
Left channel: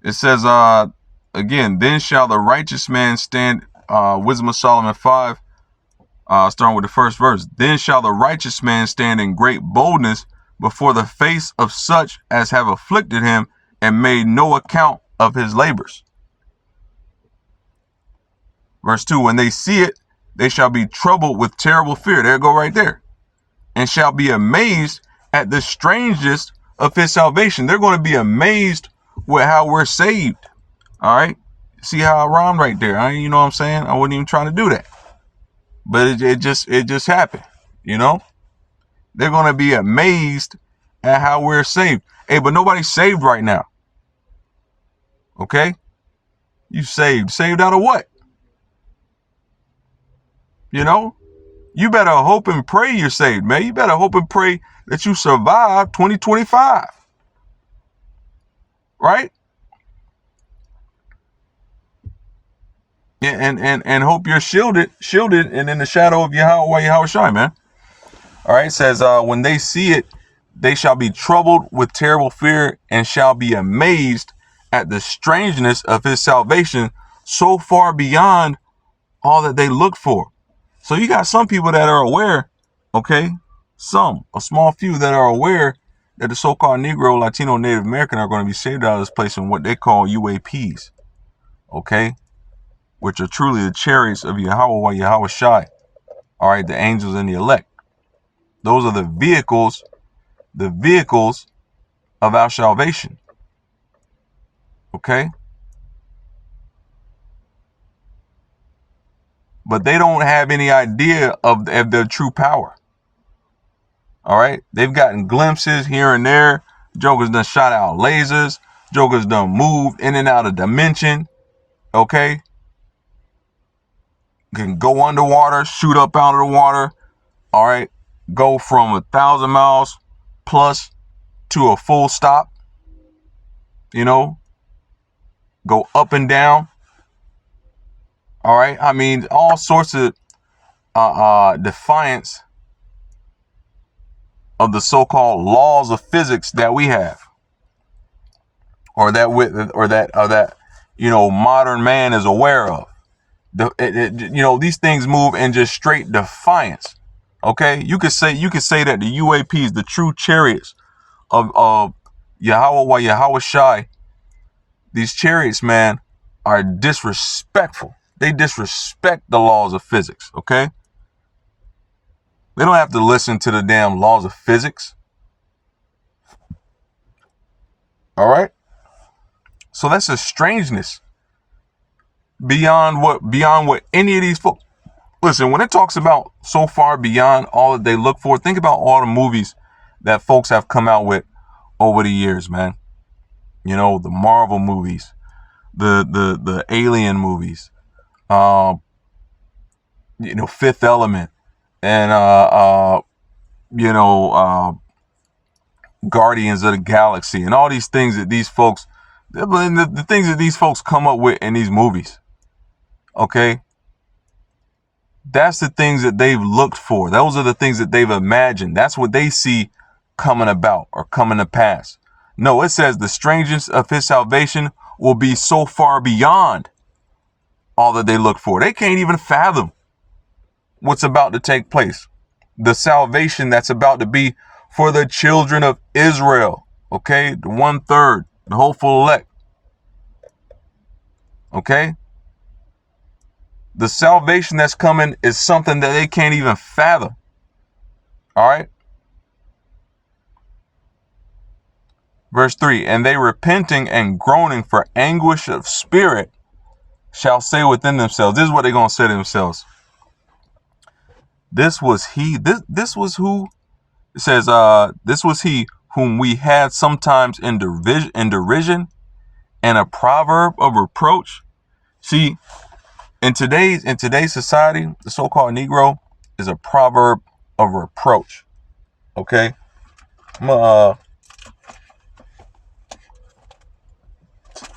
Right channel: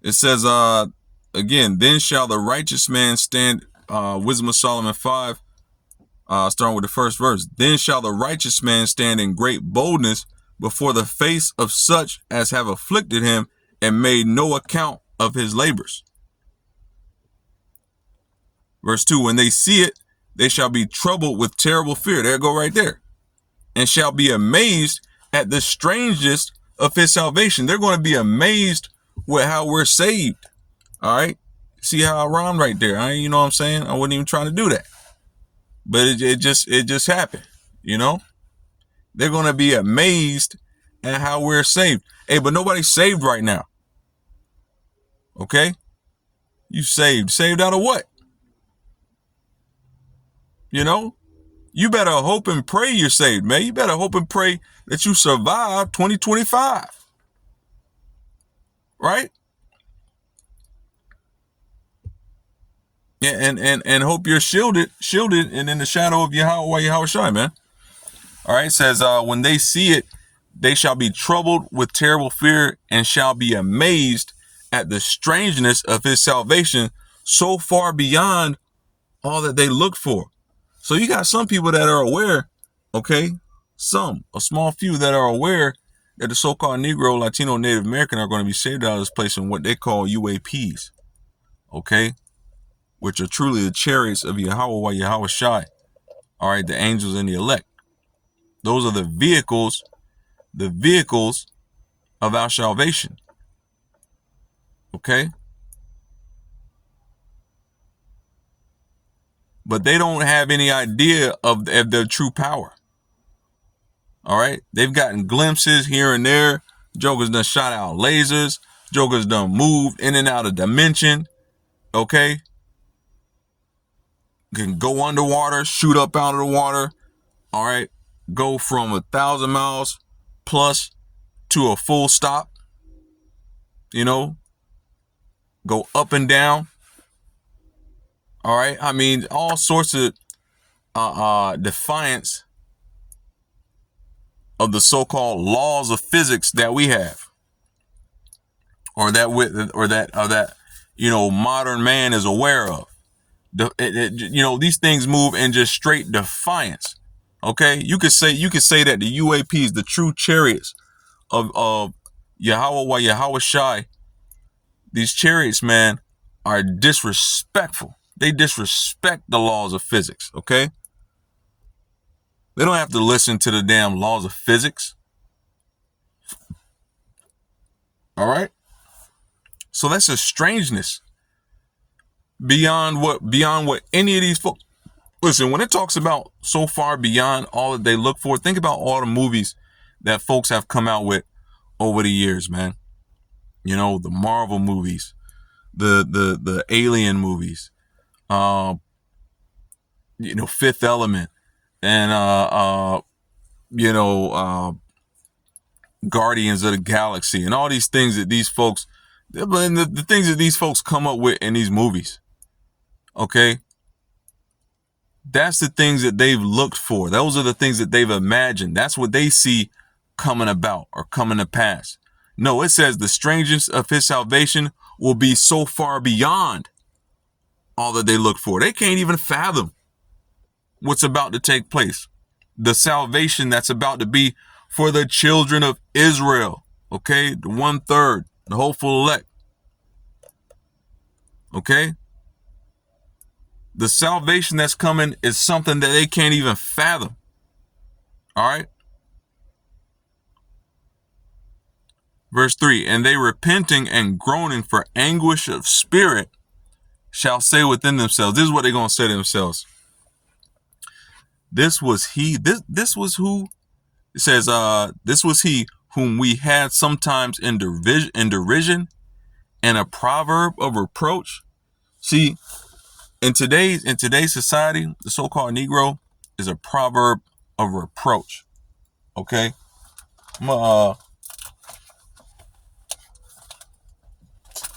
It says, again, then shall the righteous man stand, Wisdom of Solomon 5, starting with the first verse. Then shall the righteous man stand in great boldness before the face of such as have afflicted him and made no account of his labors. Verse 2, when they see it, they shall be troubled with terrible fear. There go right there. And shall be amazed at the strangeness of his salvation. They're going to be amazed with how we're saved. All right. See how I rhymed right there? You know what I'm saying? I wasn't even trying to do that. But it just happened. You know? They're going to be amazed at how we're saved. Hey, but nobody's saved right now. Okay? You saved. Saved out of what? You know? You better hope and pray you're saved, man. You better hope and pray that you survive 2025. Right? And hope you're shielded and in the shadow of Yahweh Shai, man. All right, it says, when they see it, they shall be troubled with terrible fear and shall be amazed at the strangeness of his salvation, so far beyond all that they looked for. So you got some people that are aware, okay, a small few that are aware that the so-called Negro, Latino, Native American are going to be saved out of this place in what they call UAPs, okay, which are truly the chariots of Yahweh Shai, all right, the angels and the elect. Those are the vehicles of our salvation, okay? But they don't have any idea of their true power. All right. They've gotten glimpses here and there. Jokers done shot out lasers. Jokers done moved in and out of dimension. Okay. Can go underwater, shoot up out of the water. All right. Go from 1,000 miles plus to a full stop. You know, go up and down. All right. I mean, all sorts of defiance of the so-called laws of physics that we have, or that modern man is aware of. These things move in just straight defiance. Okay, you could say that the UAPs, the true chariots of Yahweh Shai, these chariots, man, are disrespectful. They disrespect the laws of physics. Okay, they don't have to listen to the damn laws of physics. All right, so that's a strangeness beyond what any of these folks. Listen, when it talks about so far beyond all that they look for, think about all the movies that folks have come out with over the years, man. The Marvel movies, the Alien movies, Fifth Element, and Guardians of the Galaxy, and all these things that these folks, the things that these folks come up with in these movies. Okay. That's the things that they've looked for. Those are the things that they've imagined. That's what they see coming about or coming to pass. No, it says the strangeness of his salvation will be so far beyond all that they look for. They can't even fathom what's about to take place. The salvation that's about to be for the children of Israel. Okay, the 1/3, the hopeful elect. Okay. The salvation that's coming is something that they can't even fathom. All right. Verse 3, and they repenting and groaning for anguish of spirit shall say within themselves. This is what they're going to say to themselves. This was he. This was who. It says, this was he whom we had sometimes in derision and a proverb of reproach. See, in today's society, the so-called Negro is a proverb of reproach. Okay, well,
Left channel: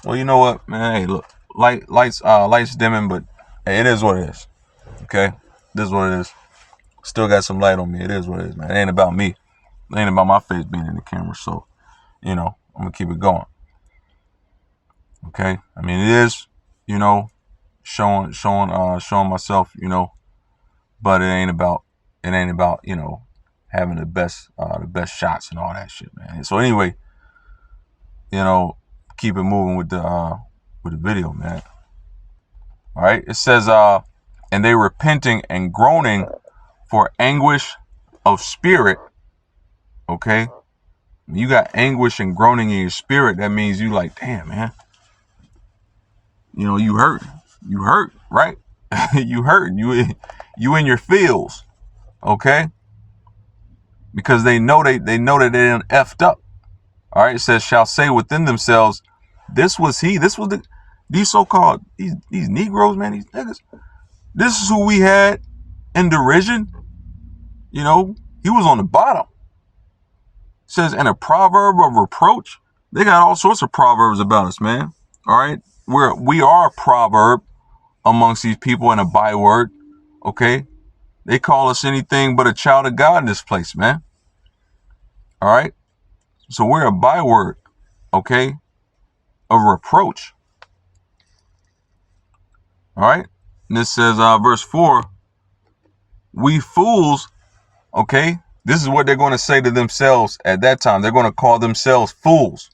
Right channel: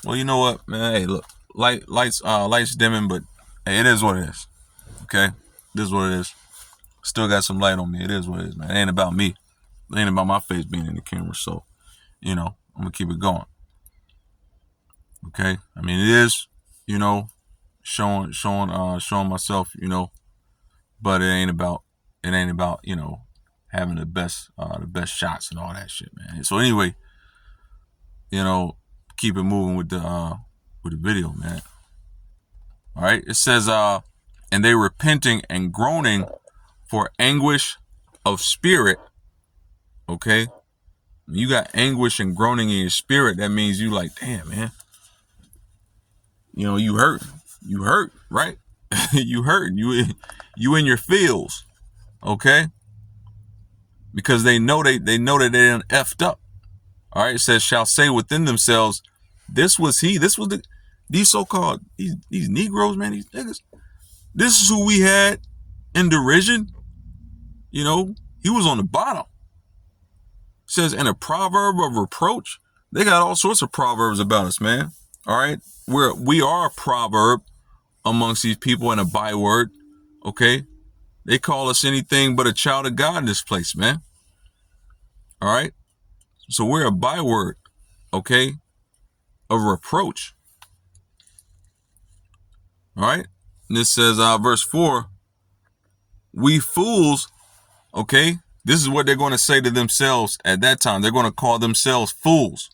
you know what, man? Hey, look, lights dimming, but hey, it is what it is. Okay, this is what it is. Still got some light on me. It is what it is, man. It ain't about me. It ain't about my face being in the camera. So, I'm gonna keep it going. Okay, I mean, it is, showing myself, but it ain't about having the best shots and all that shit, man. So anyway, keep it moving with the video, man. All right, it says and they repenting and groaning for anguish of spirit. Okay, when you got anguish and groaning in your spirit, that means you like, damn, man, you hurt, right? You hurt, you in your feels. Okay, because they know that they done effed up. All right, it says shall say within themselves, this was these so-called these Negroes, man, these niggas, this is who we had in derision. He was on the bottom. It says, and a proverb of reproach. They got all sorts of proverbs about us, man. All right, we are a proverb amongst these people and a byword. Okay, they call us anything but a child of God in this place, man. All right, so we're a byword, okay, of reproach. All right, and this says, verse 4, we fools, okay, this is what they're going to say to themselves at that time. They're going to call themselves fools.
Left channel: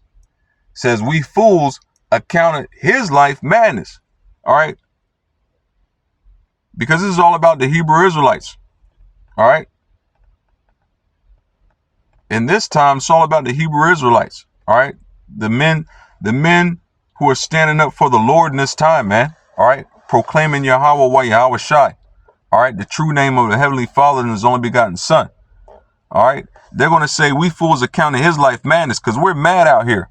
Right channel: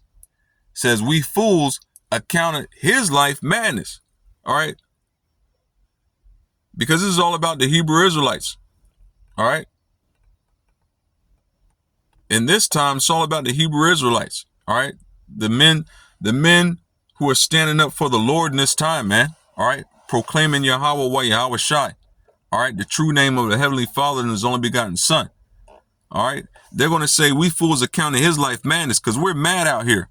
It says, we fools accounted his life madness. All right, because this is all about the Hebrew Israelites. All right, in this time, it's all about the Hebrew Israelites. All right, the men who are standing up for the Lord in this time, man. All right, proclaiming Yahweh Shai. All right, the true name of the Heavenly Father and His only begotten Son. All right, they're going to say we fools accounting his life madness because we're mad out here.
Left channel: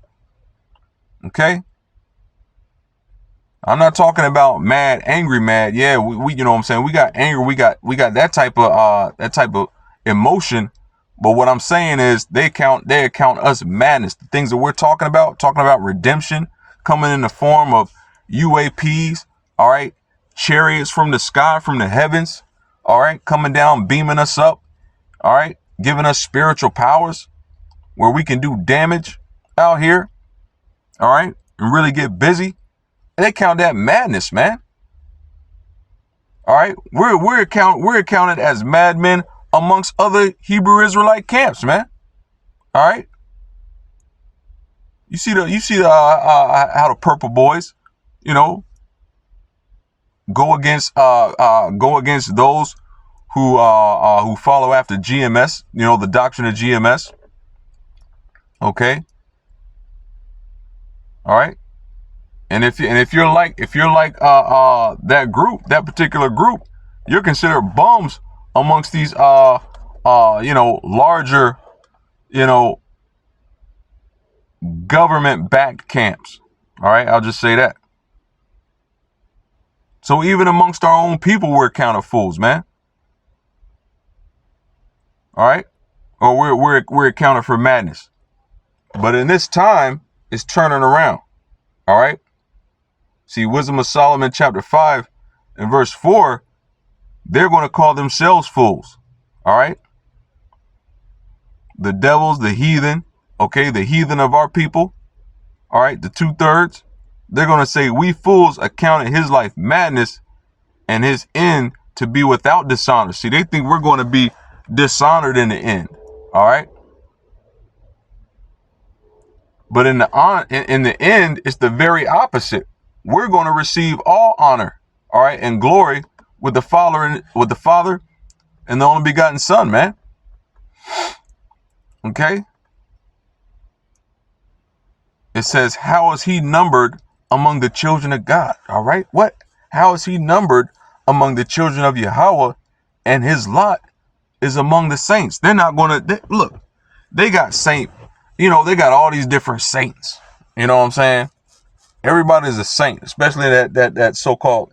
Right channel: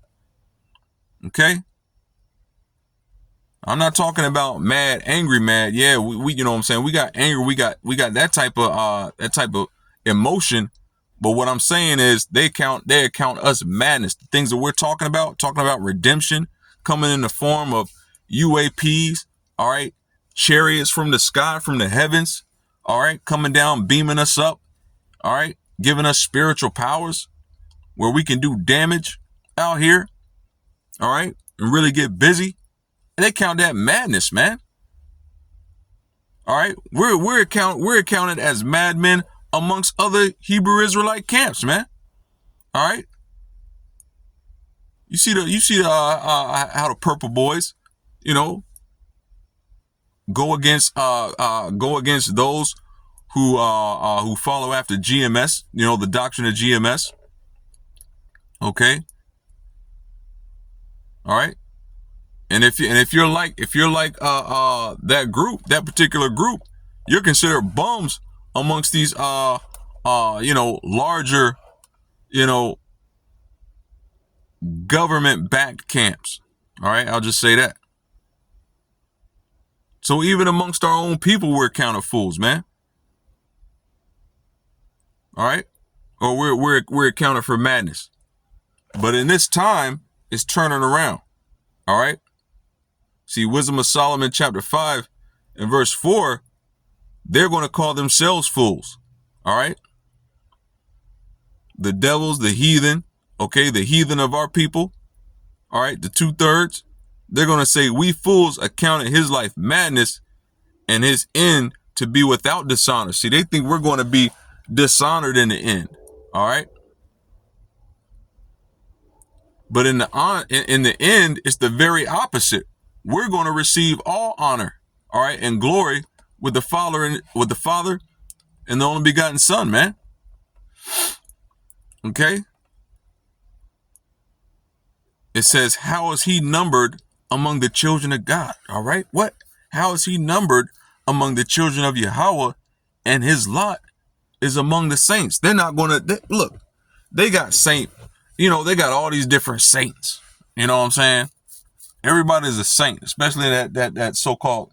Okay, I'm not talking about mad, angry, mad. Yeah, we you know what I'm saying. We got anger. We got that type of emotion. But what I'm saying is they account us madness. The things that we're talking about redemption coming in the form of UAPs. All right, chariots from the sky, from the heavens. all right, coming down, beaming us up, all right, giving us spiritual powers where we can do damage out here, all right, and really get busy. They count that madness, man. All right, we're accounted as madmen amongst other Hebrew Israelite camps, man. All right, you see the how the purple boys, you know, go against those who follow after GMS, you know, the doctrine of GMS. Okay, all right, and if you're like that group, that particular group, you're considered bums amongst these larger, you know, government-backed camps. All right, I'll just say that. So even amongst our own people, we're counted fools, man. All right, or we're accounted for madness. But in this time, it's turning around. All right. See, Wisdom of Solomon, chapter 5 and verse 4, they're going to call themselves fools. All right. The devils, the heathen, okay, the heathen of our people. All right, the 2/3, they're going to say, we fools accounted his life madness and his end to be without dishonor. See, they think we're going to be dishonored in the end. All right. But in the end, it's the very opposite. We're going to receive all honor, all right, and glory with the Father and the only begotten Son, man. Okay. It says, how is he numbered among the children of God? All right. What? How is he numbered among the children of Yahweh, and his lot is among the saints? They're not going to look. They got they got all these different saints. You know what I'm saying? Everybody's a saint, especially that so-called,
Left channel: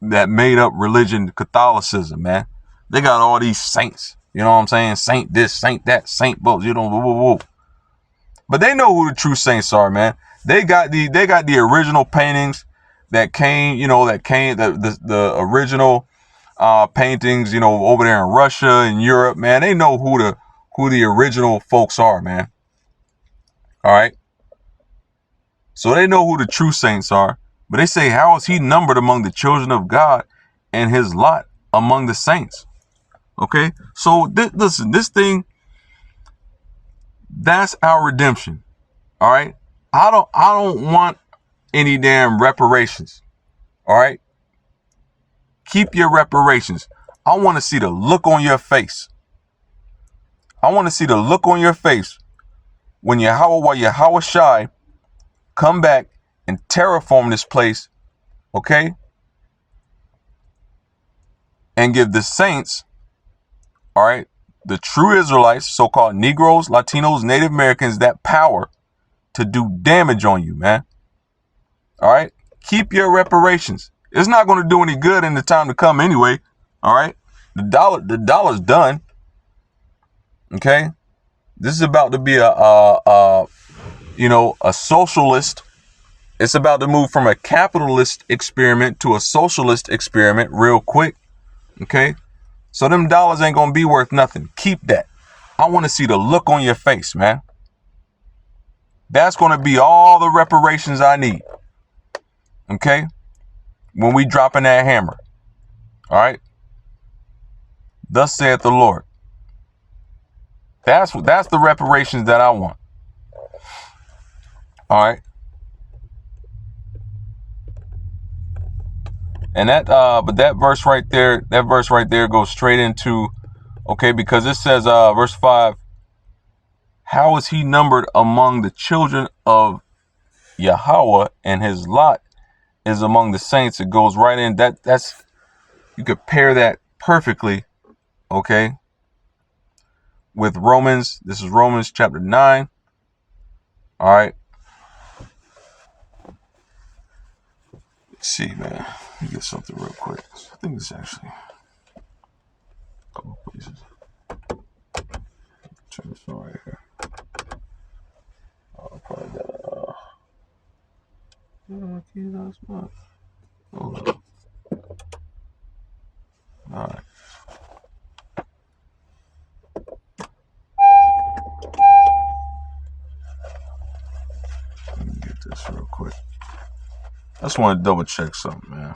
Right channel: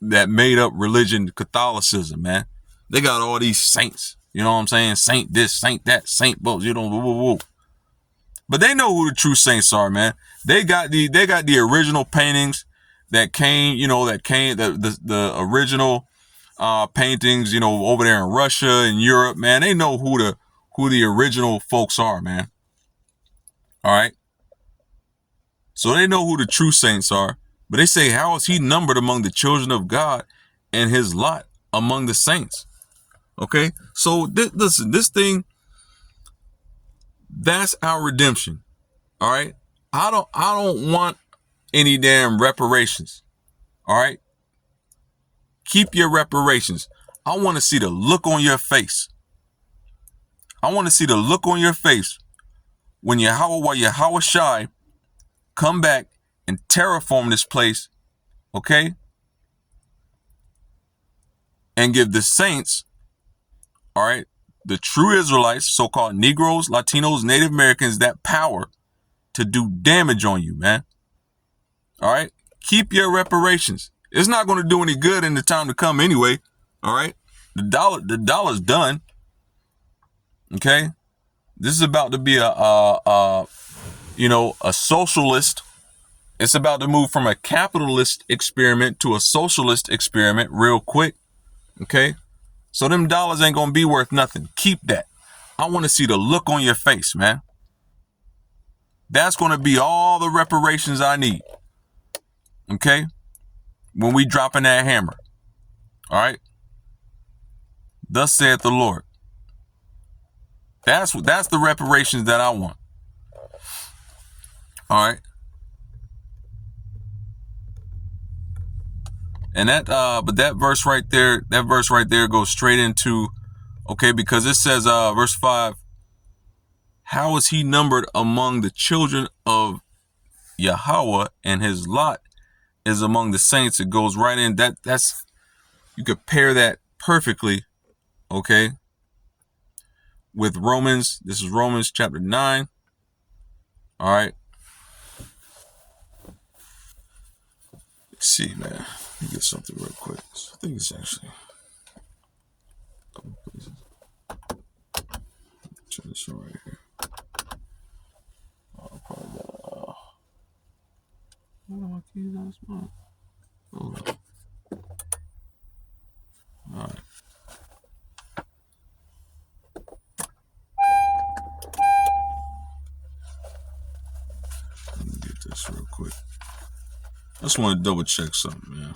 that made up religion, Catholicism, man. They got all these saints. You know what I'm saying? Saint this, saint that, saint both. You know, woo, woo, woo. But they know who the true saints are, man. They got the original paintings that came, the original paintings, over there in Russia and Europe, man. They know who the original folks are, man. All right. So they know who the true saints are, but they say, how is he numbered among the children of God and his lot among the saints? Okay. So listen, this thing, that's our redemption. All right. I don't want any damn reparations. All right. Keep your reparations. I want to see the look on your face. I want to see the look on your face when Yahweh Shai come back and terraform this place, okay? And give the saints, all right, the true Israelites, so-called Negroes, Latinos, Native Americans, that power to do damage on you, man. All right? Keep your reparations. It's not going to do any good in the time to come anyway, all right? The dollar's done, okay? This is about to be a socialist. It's about to move from a capitalist experiment to a socialist experiment real quick. Okay. So them dollars ain't going to be worth nothing. Keep that. I want to see the look on your face, man. That's going to be all the reparations I need. Okay. When we dropping that hammer. All right. Thus saith the Lord. That's the reparations that I want. All right. And but that verse right there goes straight into, okay, because it says, verse 5, how is he numbered among the children of Yahweh, and his lot is among the saints? It goes right in. That's you could pair that perfectly, okay, with Romans. This is Romans chapter 9. All right. Let's see, man. Let me get something real quick. I think it's actually a couple places. Turn this on right here. I'll probably got key last month. Hold on. I just want to double check something, man.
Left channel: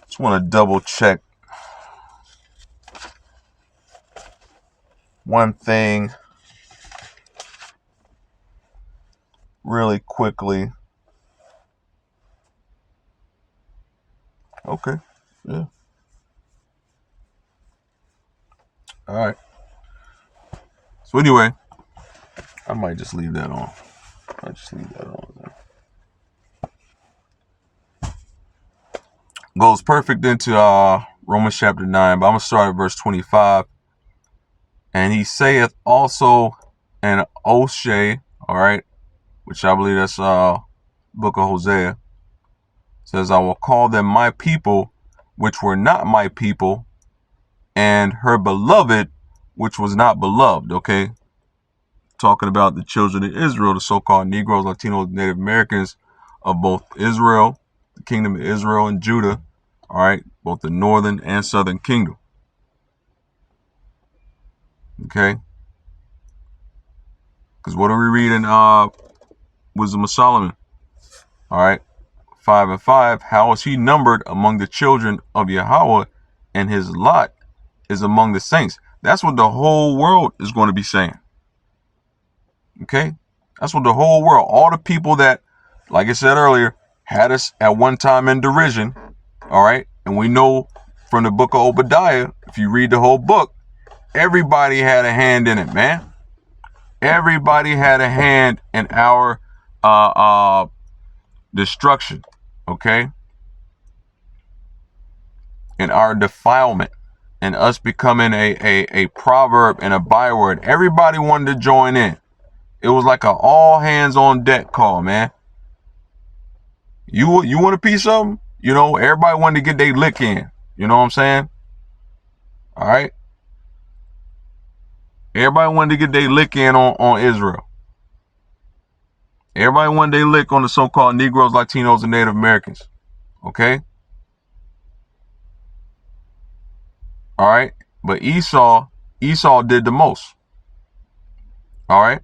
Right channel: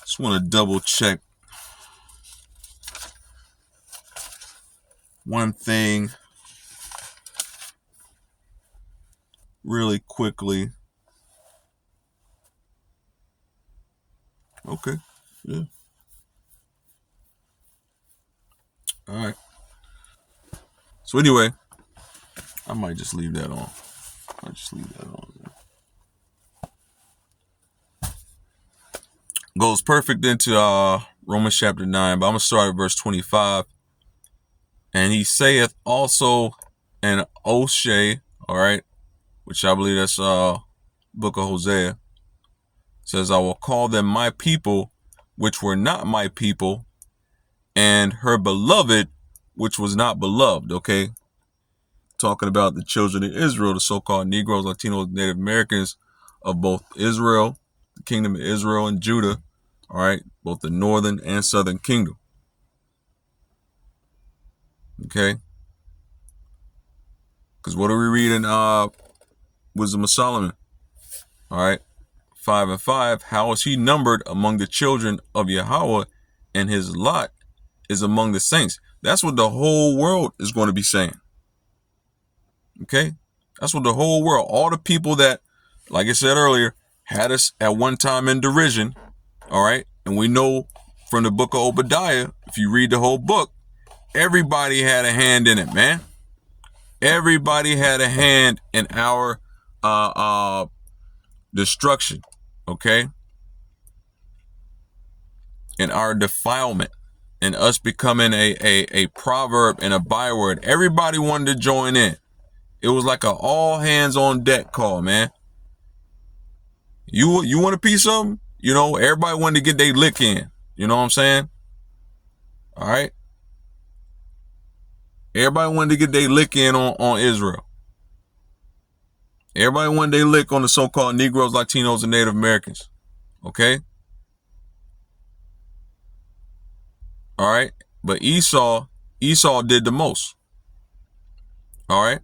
Just want to double check one thing really quickly. Okay. Yeah. All right. So anyway, I might just leave that on. Goes perfect into Romans chapter 9, but I'm going to start at verse 25. And he saith also in Oshay, all right, which I believe that's book of Hosea, says, I will call them my people, which were not my people, and her beloved, which was not beloved, okay? Talking about the children of Israel, the so-called Negroes, Latinos, Native Americans of both Israel, the kingdom of Israel and Judah, all right, both the northern and southern kingdom. Okay? Because what do we read in Wisdom of Solomon? All right, 5 and 5. How is he numbered among the children of Yahweh, and his lot is among the saints? That's what the whole world is going to be saying. Okay? That's what the whole world, all the people that, like I said earlier, had us at one time in derision, all right? And we know from the book of Obadiah, if you read the whole book, everybody had a hand in it, man. Everybody had a hand in our destruction, okay? In our defilement, and us becoming a proverb and a byword. Everybody wanted to join in. It was like a all hands on deck call, man. You want a piece of them? You know, everybody wanted to get their lick in. You know what I'm saying? All right. Everybody wanted to get their lick in on Israel. Everybody wanted their lick on the so-called Negroes, Latinos, and Native Americans. Okay? All right? But Esau did the most. All right?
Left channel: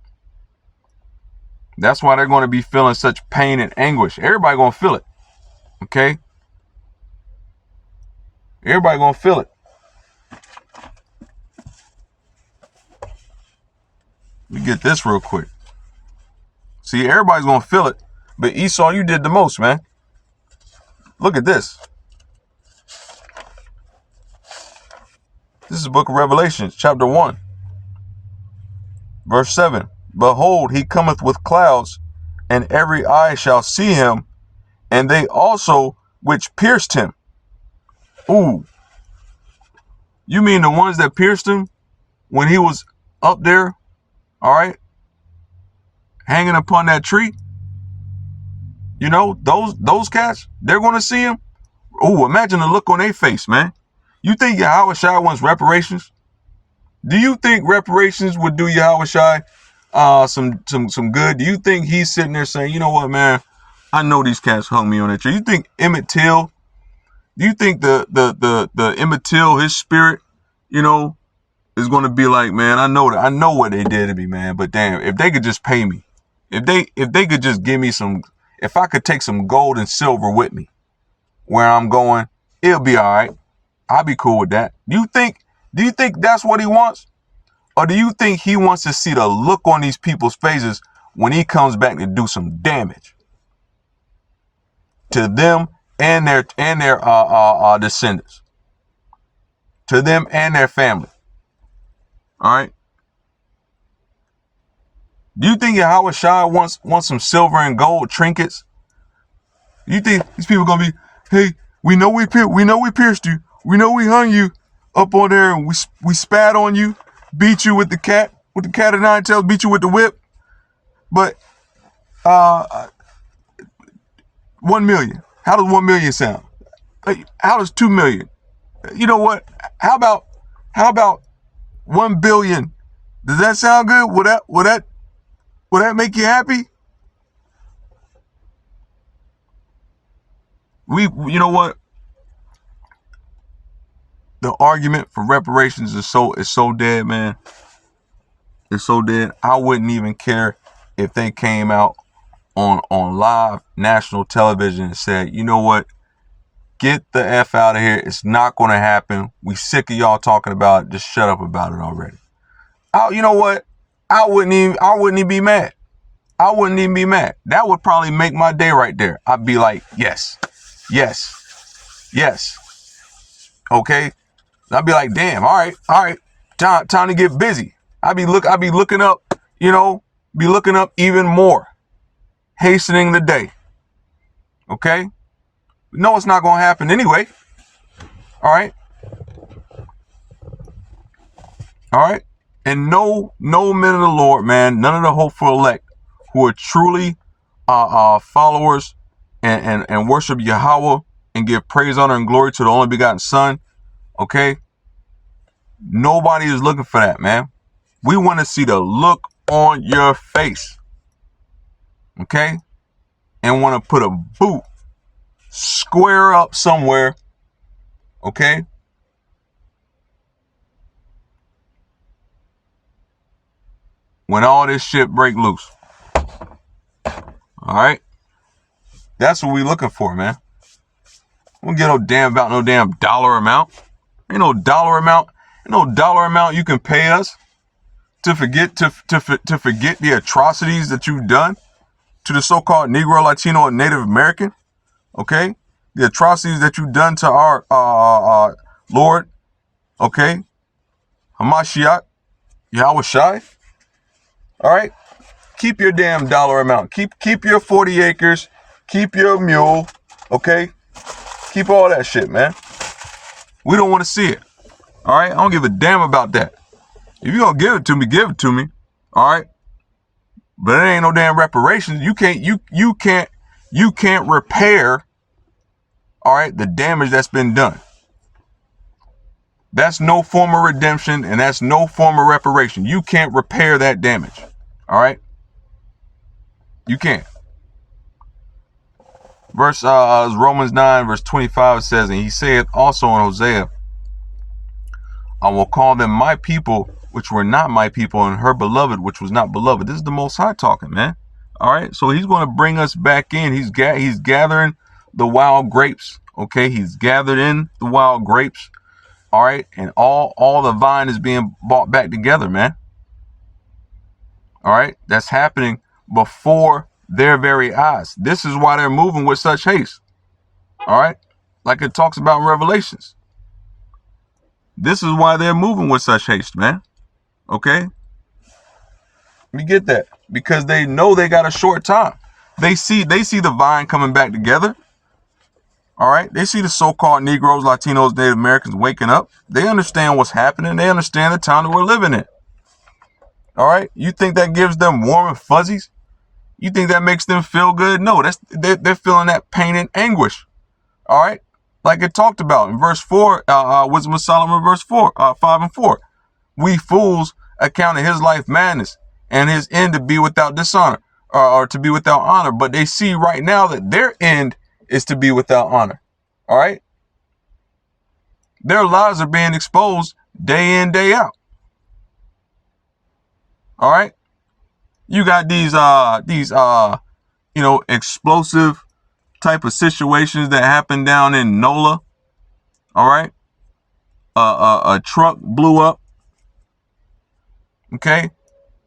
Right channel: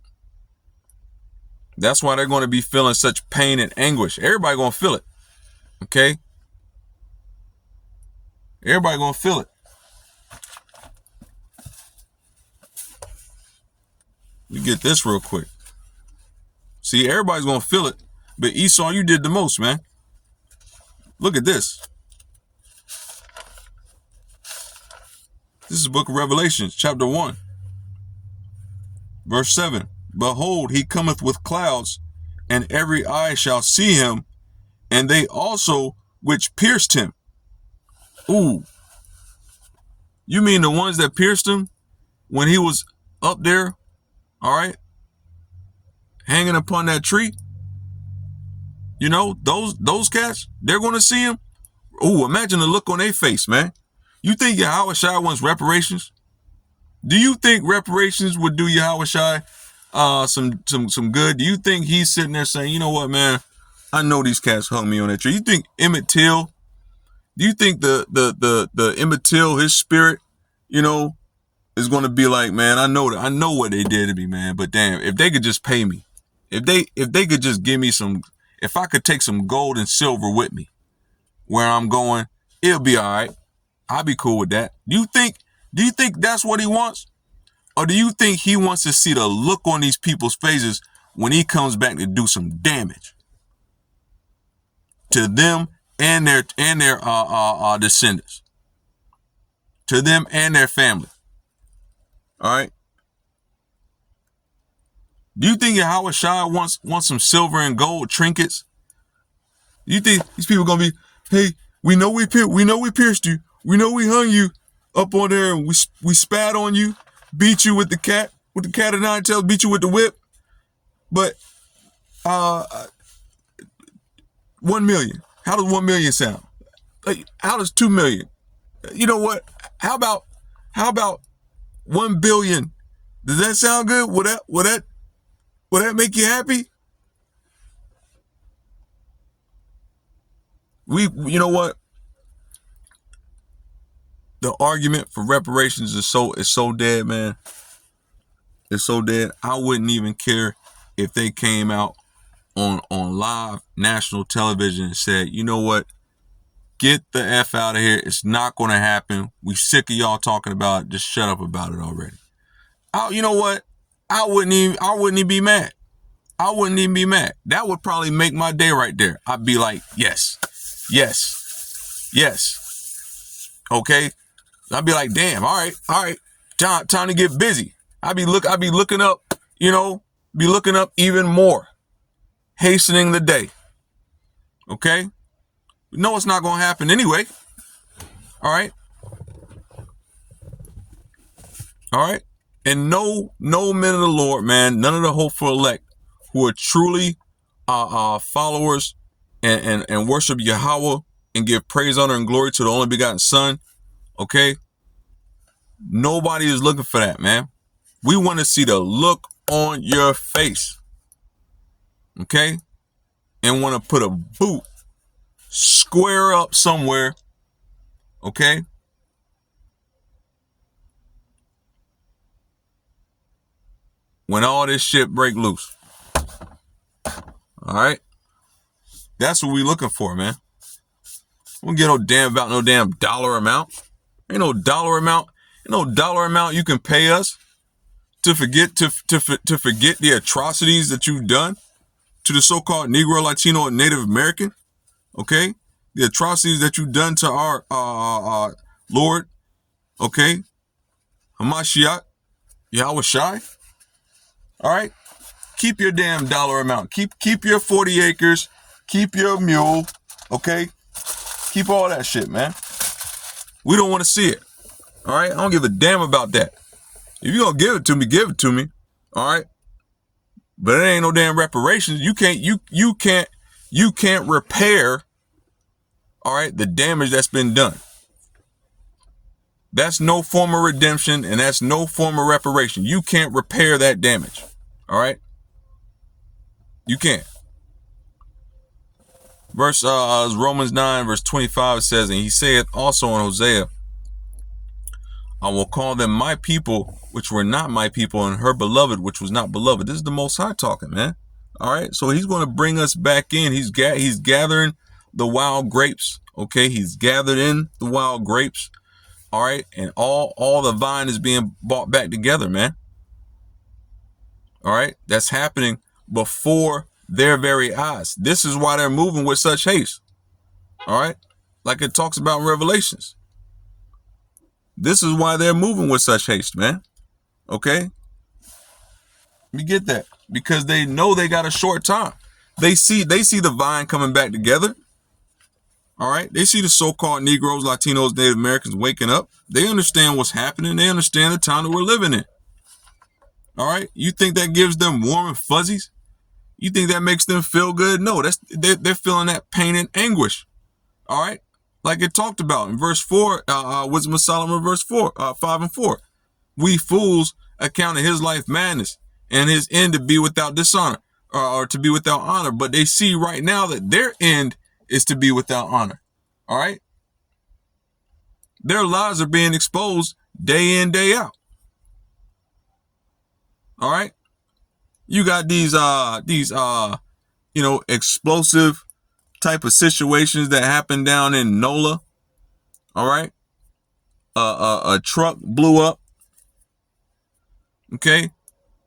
That's why they're going to be feeling such pain and anguish. Everybody going to feel it. Okay? Everybody going to feel it. Let me get this real quick. See, everybody's going to feel it. But Esau, you did the most, man. Look at this. This is the book of Reparations, chapter 1. Verse 7. Behold, he cometh with clouds, and every eye shall see him, and they also which pierced him. Ooh. You mean the ones that pierced him when he was up there, all right, hanging upon that tree? You know, those cats, they're going to see him. Ooh, imagine the look on their face, man. You think Yahweh Shai wants reparations? Do you think reparations would do Yahweh Shai some good? Do you think he's sitting there saying, you know what, man, I know these cats hung me on that tree? You think Emmett Till, do you think the Emmett Till, his spirit, you know, is going to be like, man, I know what they did to me, man, but damn, if they could just pay me, if they could just give me some, if I could take some gold and silver with me where I'm going, it'll be all right. I'll be cool with that. Do you think that's what he wants? Or do you think he wants to see the look on these people's faces when he comes back to do some damage to them and their descendants, to them and their family? All right. Do you think Yahweh Shai wants some silver and gold trinkets? Do you think these people are gonna be, hey, we know we pierced you, we know we hung you up on there, and we spat on you, beat you with the cat of nine tails, beat you with the whip, but 1 million. How does 1 million sound? Like, how does 2 million? You know what? How about 1 billion? Does that sound good? Will that make you happy? You know what? The argument for reparations is so dead, man. It's so dead. I wouldn't even care if they came out on live national television and said, you know what? Get the F out of here. It's not going to happen. We sick of y'all talking about it. Just shut up about it already. You know what? I wouldn't even be mad. I wouldn't even be mad. That would probably make my day right there. I'd be like, yes. Okay. I'd be like, damn, all right. Time to get busy. I'd be looking up, be looking up even more. Hastening the day. Okay? No, it's not going to happen anyway. All right? And no men of the Lord, man, none of the hopeful elect who are truly followers and worship Yahweh and give praise, honor, and glory to the only begotten Son, okay? Nobody is looking for that, man. We want to see the look on your face, okay? And want to put a boot square up somewhere, okay? When all this shit break loose. All right? That's what we looking for, man. We don't get no damn about no damn dollar amount. Ain't no dollar amount. Ain't no dollar amount you can pay us to forget the atrocities that you've done to the so-called Negro, Latino, and Native American. Okay? The atrocities that you've done to our Lord. Okay? Hamashiach. Yahweh Shai. All right? Keep your damn dollar amount. Keep your 40 acres. Keep your mule. Okay? Keep all that shit, man. We don't want to see it. All right? I don't give a damn about that. If you're going to give it to me, give it to me. All right? But it ain't no damn reparations. You can't repair, all right, the damage that's been done. That's no form of redemption, and that's no form of reparation. You can't repair that damage. All right? You can't. Verse Romans 9, verse 25 says, and he saith also in Hosea, I will call them my people, which were not my people, and her beloved, which was not beloved. This is the Most High talking, man. All right? So he's going to bring us back in. He's gathering the wild grapes. Okay? He's gathered in the wild grapes. All right? And all the vine is being brought back together, man. All right? That's happening before their very eyes. This is why they're moving with such haste. All right? Like it talks about in Revelations. This is why they're moving with such haste, man. Okay? We get that. Because they know they got a short time. They see the vine coming back together. All right? They see the so-called Negroes, Latinos, Native Americans waking up. They understand what's happening. They understand the time that we're living in. All right? You think that gives them warm and fuzzies? You think that makes them feel good? No, they're feeling that pain and anguish. All right? Like it talked about in verse 4, Wisdom of Solomon, verse 4, 5 and 4. We fools accounted his life madness and his end to be without dishonor, or to be without honor. But they see right now that their end is to be without honor. All right? Their lies are being exposed day in, day out. All right? You got these explosive type of situations that happen down in NOLA. All right? A truck blew up. Okay?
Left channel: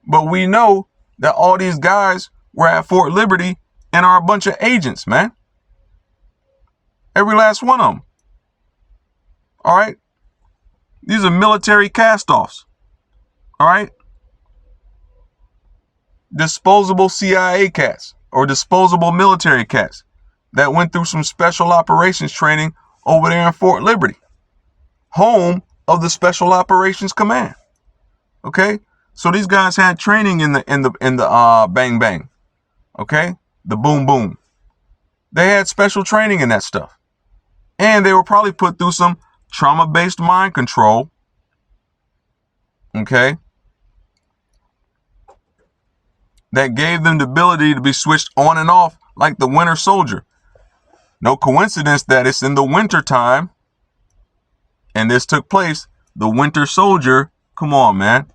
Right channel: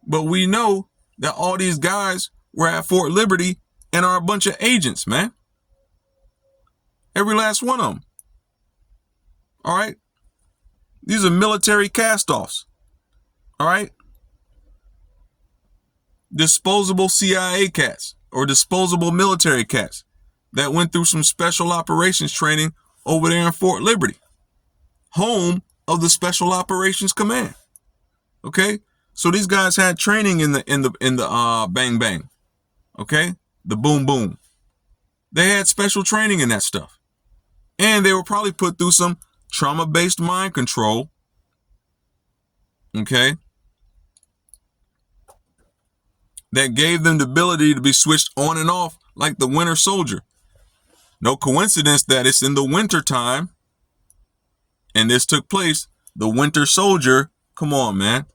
But we know that all these guys were at Fort Liberty and are a bunch of agents, man. Every last one of them. All right? These are military cast-offs. All right? Disposable CIA cats or disposable military cats that went through some special operations training over there in Fort Liberty, home of the Special Operations Command. Okay, so these guys had training in the bang bang. Okay, the boom boom. They had special training in that stuff, and they were probably put through some trauma-based mind control. Okay. That gave them the ability to be switched on and off like the Winter Soldier. No coincidence that it's in the winter time and this took place. The Winter Soldier, come on, man.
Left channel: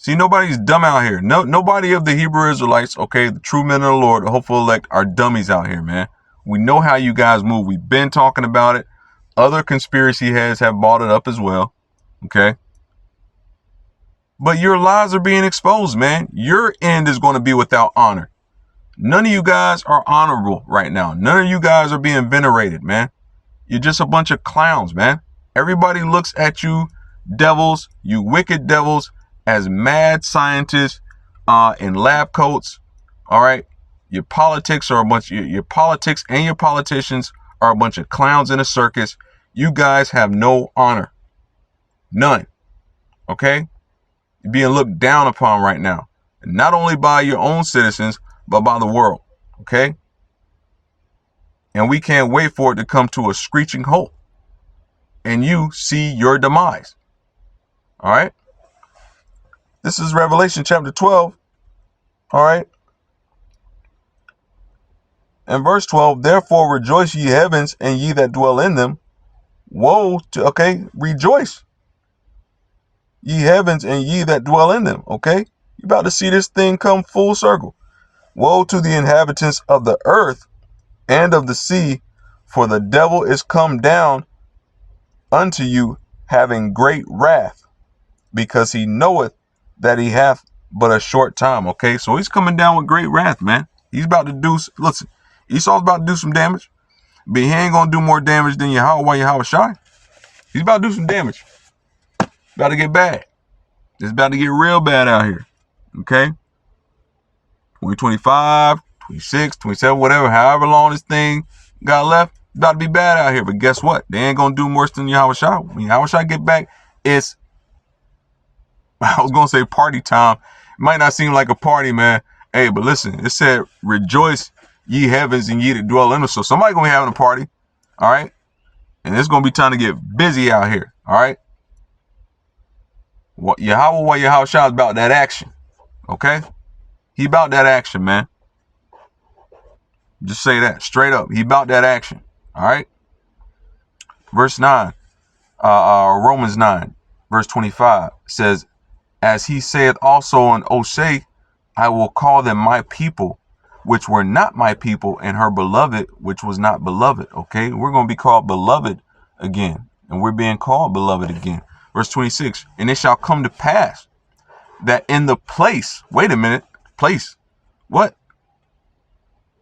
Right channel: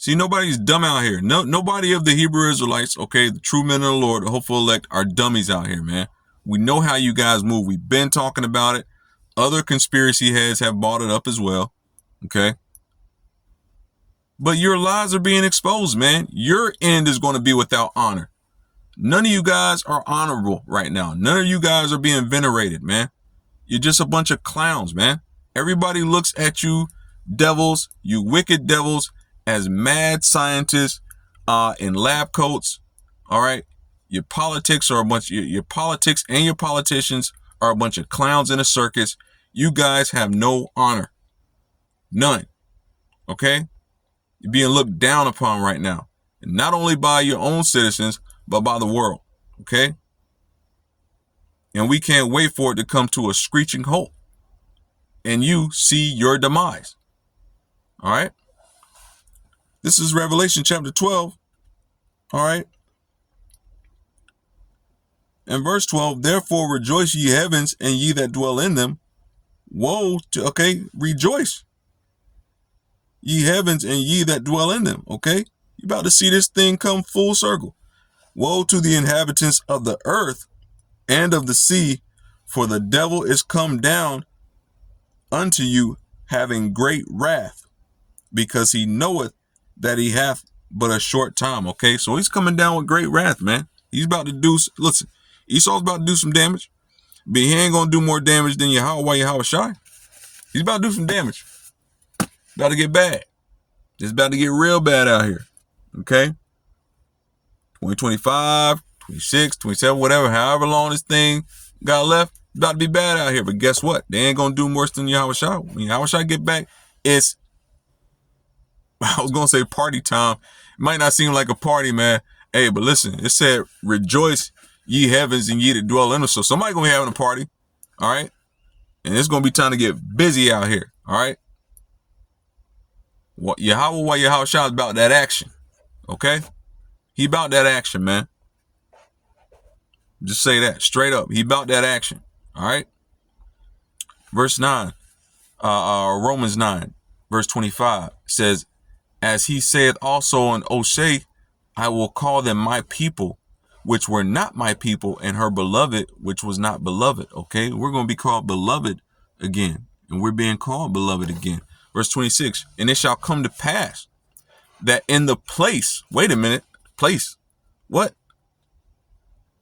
See, nobody's dumb out here. Nobody of the Hebrew Israelites, okay, the true men of the Lord, the hopeful elect, are dummies out here, man. We know how you guys move. We've been talking about it. Other conspiracy heads have brought it up as well, okay? But your lies are being exposed, man. Your end is going to be without honor. None of you guys are honorable right now. None of you guys are being venerated, man. You're just a bunch of clowns, man. Everybody looks at you devils, you wicked devils, as mad scientists in lab coats. All right. Your politics are a bunch, your politics and your politicians are a bunch of clowns in a circus. You guys have no honor. None. Okay. You're being looked down upon right now. And not only by your own citizens, but by the world. Okay. And we can't wait for it to come to a screeching halt and you see your demise. All right. This is Revelation chapter 12. All right. And verse 12, therefore rejoice ye heavens and ye that dwell in them. Woe to, okay, rejoice. Ye heavens and ye that dwell in them. Okay. You about to see this thing come full circle. Woe to the inhabitants of the earth and of the sea, for the devil is come down unto you, having great wrath, because he knoweth that he hath but a short time. Okay, so he's coming down with great wrath, man. He's about to do, listen, Esau's about to do some damage, but he ain't gonna do more damage than Yahweh Shai. He's about to do some damage. About to get bad. It's about to get real bad out here. Okay, 2025, 26, 27, whatever, however long this thing got left, about to be bad out here. But guess what? They ain't gonna do worse than Yahweh Shai. When Yahweh Shai get back, it's, I was gonna say party time. It might not seem like a party, man. Hey, but listen, it said, rejoice ye heavens and ye that dwell in them. So somebody gonna be having a party. All right. And it's gonna be time to get busy out here. All right. What Yahweh Shai is about that action. Okay. He about that action, man. Just say that straight up. He about that action. All right. Verse 9, Romans 9, verse 25 says, as he saith also in Oseh, I will call them my people, which were not my people, and her beloved, which was not beloved. Okay. We're going to be called beloved again. And we're being called beloved again. Verse 26, and it shall come to pass that in the place, wait a minute, place, what?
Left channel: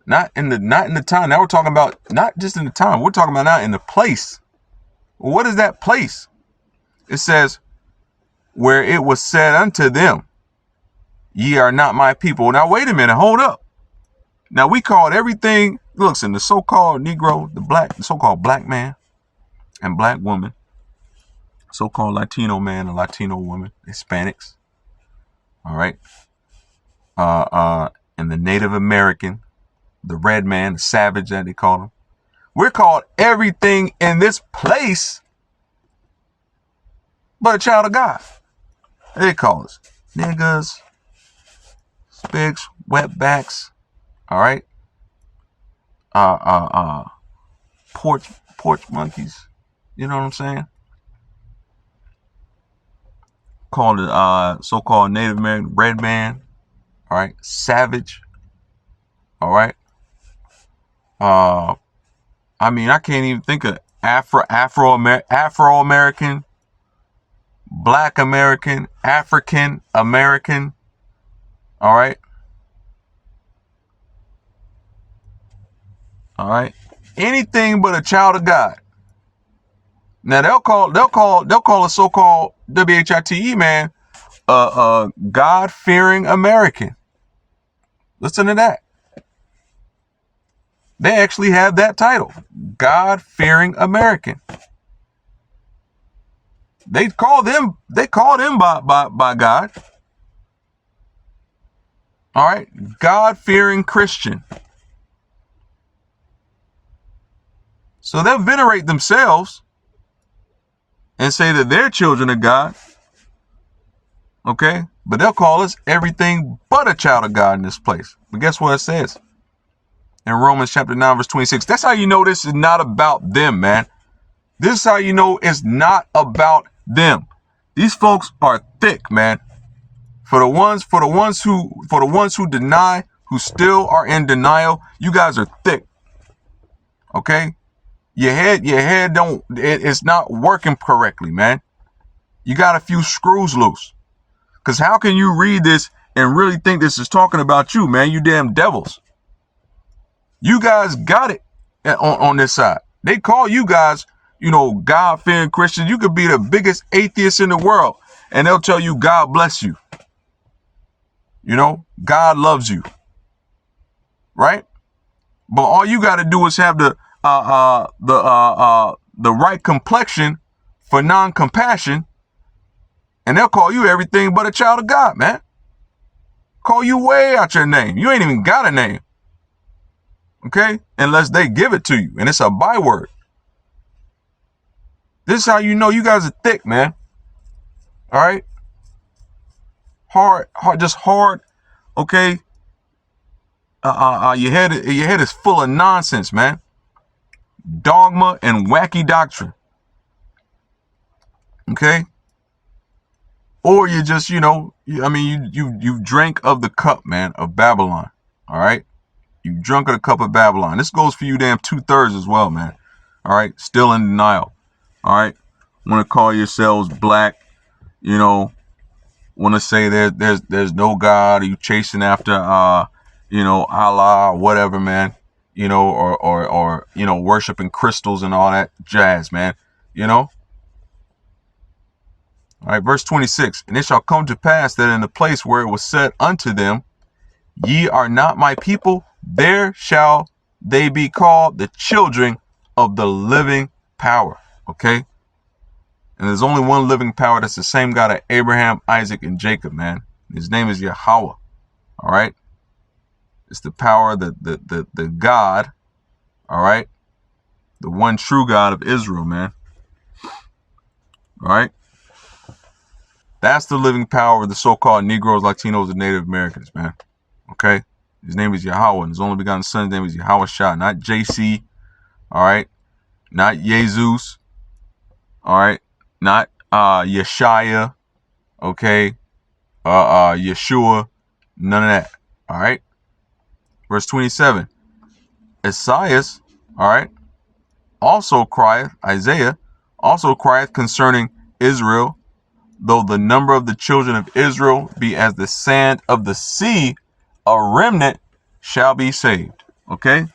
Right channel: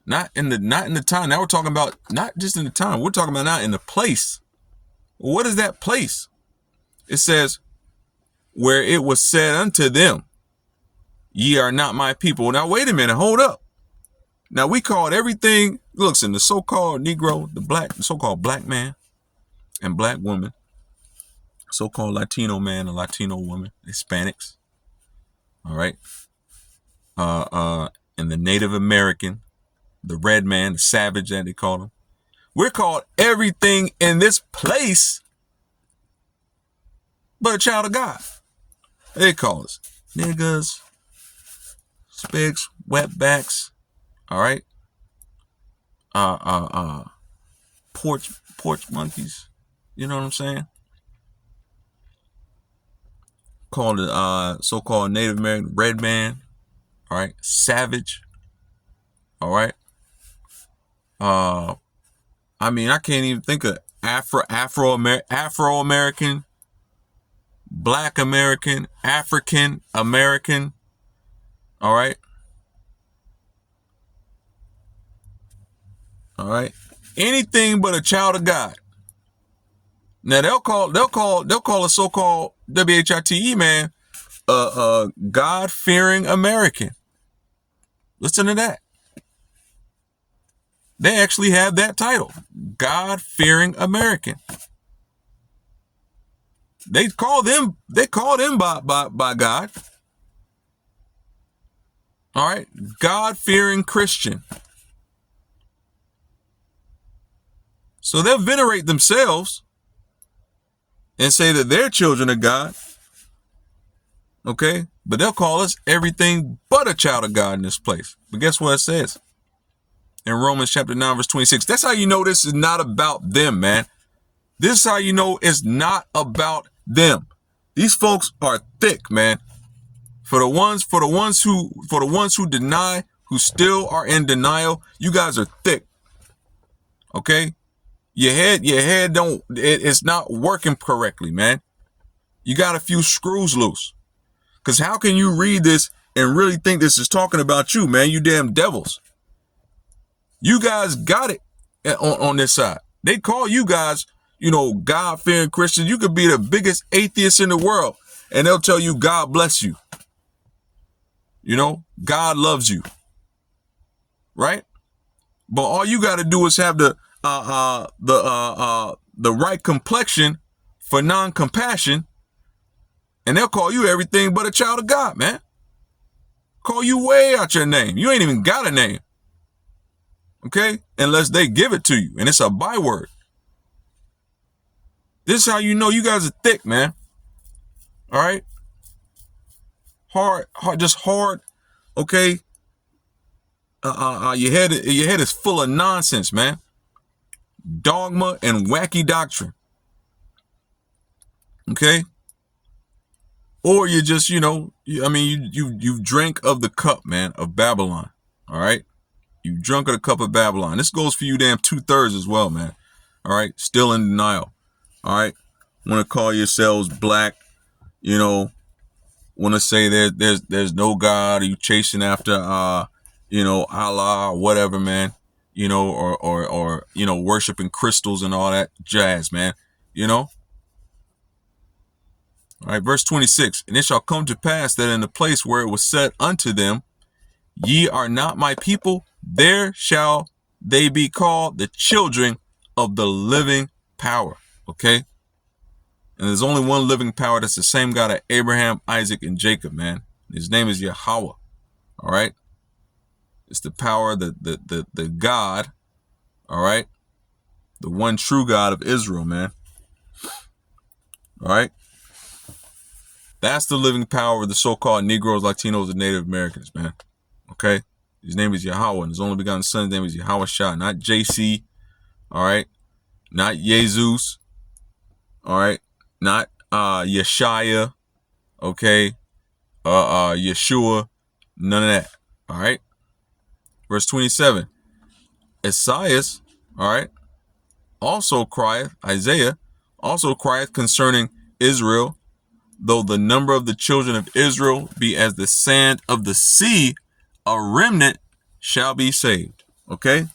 Not in the time. Now we're talking about not just in the time. We're talking about now in the place. Well, what is that place? It says, where it was said unto them, ye are not my people. Now, wait a minute. Hold up. Now, we called everything, listen, the so-called Negro, the so-called black man and black woman, so-called Latino man and Latino woman, Hispanics. All right. And the Native American, the red man, the savage that they call him. We're called everything in this place but a child of God. They call us niggas, spigs, wetbacks, all right? Porch monkeys. You know what I'm saying? Called it so-called Native American red man, all right? Savage, all right? I mean, I can't even think of Afro-American, Black American, African American. All right. All right. Anything but a child of God. Now they'll call a so-called WHITE man God-fearing American. Listen to that. They actually have that title, God-fearing American. They call them by God. All right. God-fearing Christian. So they'll venerate themselves and say that they're children of God. Okay. But they'll call us everything but a child of God in this place. But guess what it says in Romans chapter 9, verse 26? That's how you know this is not about them, man. This is how you know it's not about them. These folks are thick, man. For the ones who deny, who still are in denial, you guys are thick. Okay? Your head it's not working correctly, man. You got a few screws loose. Cause how can you read this and really think this is talking about you, man? You damn devils. You guys got it on this side. They call you guys, God-fearing Christians. You could be the biggest atheist in the world, and they'll tell you God bless you. God loves you, right? But all you got to do is have the right complexion for non-compassion, and they'll call you everything but a child of God, man. Call you way out your name. You ain't even got a name, okay? Unless they give it to you, and it's a byword. This is how you know you guys are thick, man. All right? Hard, just hard, okay? Your head is full of nonsense, man. Dogma and wacky doctrine. Okay? Or you just, you drank of the cup, man, of Babylon. All right? You drunk of the cup of Babylon. This goes for you damn 2/3 as well, man. All right? Still in denial. All right? Want to call yourselves black, want to say there's no God, or you chasing after Allah or whatever, man, or worshiping crystals and all that jazz, man, All right, verse 26, and it shall come to pass that in the place where it was said unto them, ye are not my people, there shall they be called the children of the living power. Okay? And there's only one living power. That's the same God of Abraham, Isaac, and Jacob, man. His name is Yahweh. All right? It's the power, the God, all right? The one true God of Israel, man. All right? That's the living power of the so-called Negroes, Latinos, and Native Americans, man. Okay? His name is Yahweh, and his only begotten son's name is Yahweh Shah, not JC, all right? Not Jesus, all right? Not Yeshaya, okay? Yeshua, none of that, all right? Verse 27, Isaiah, all right, Isaiah also crieth concerning Israel, though the number of the children of Israel be as the sand of the sea, a remnant shall be saved. Okay?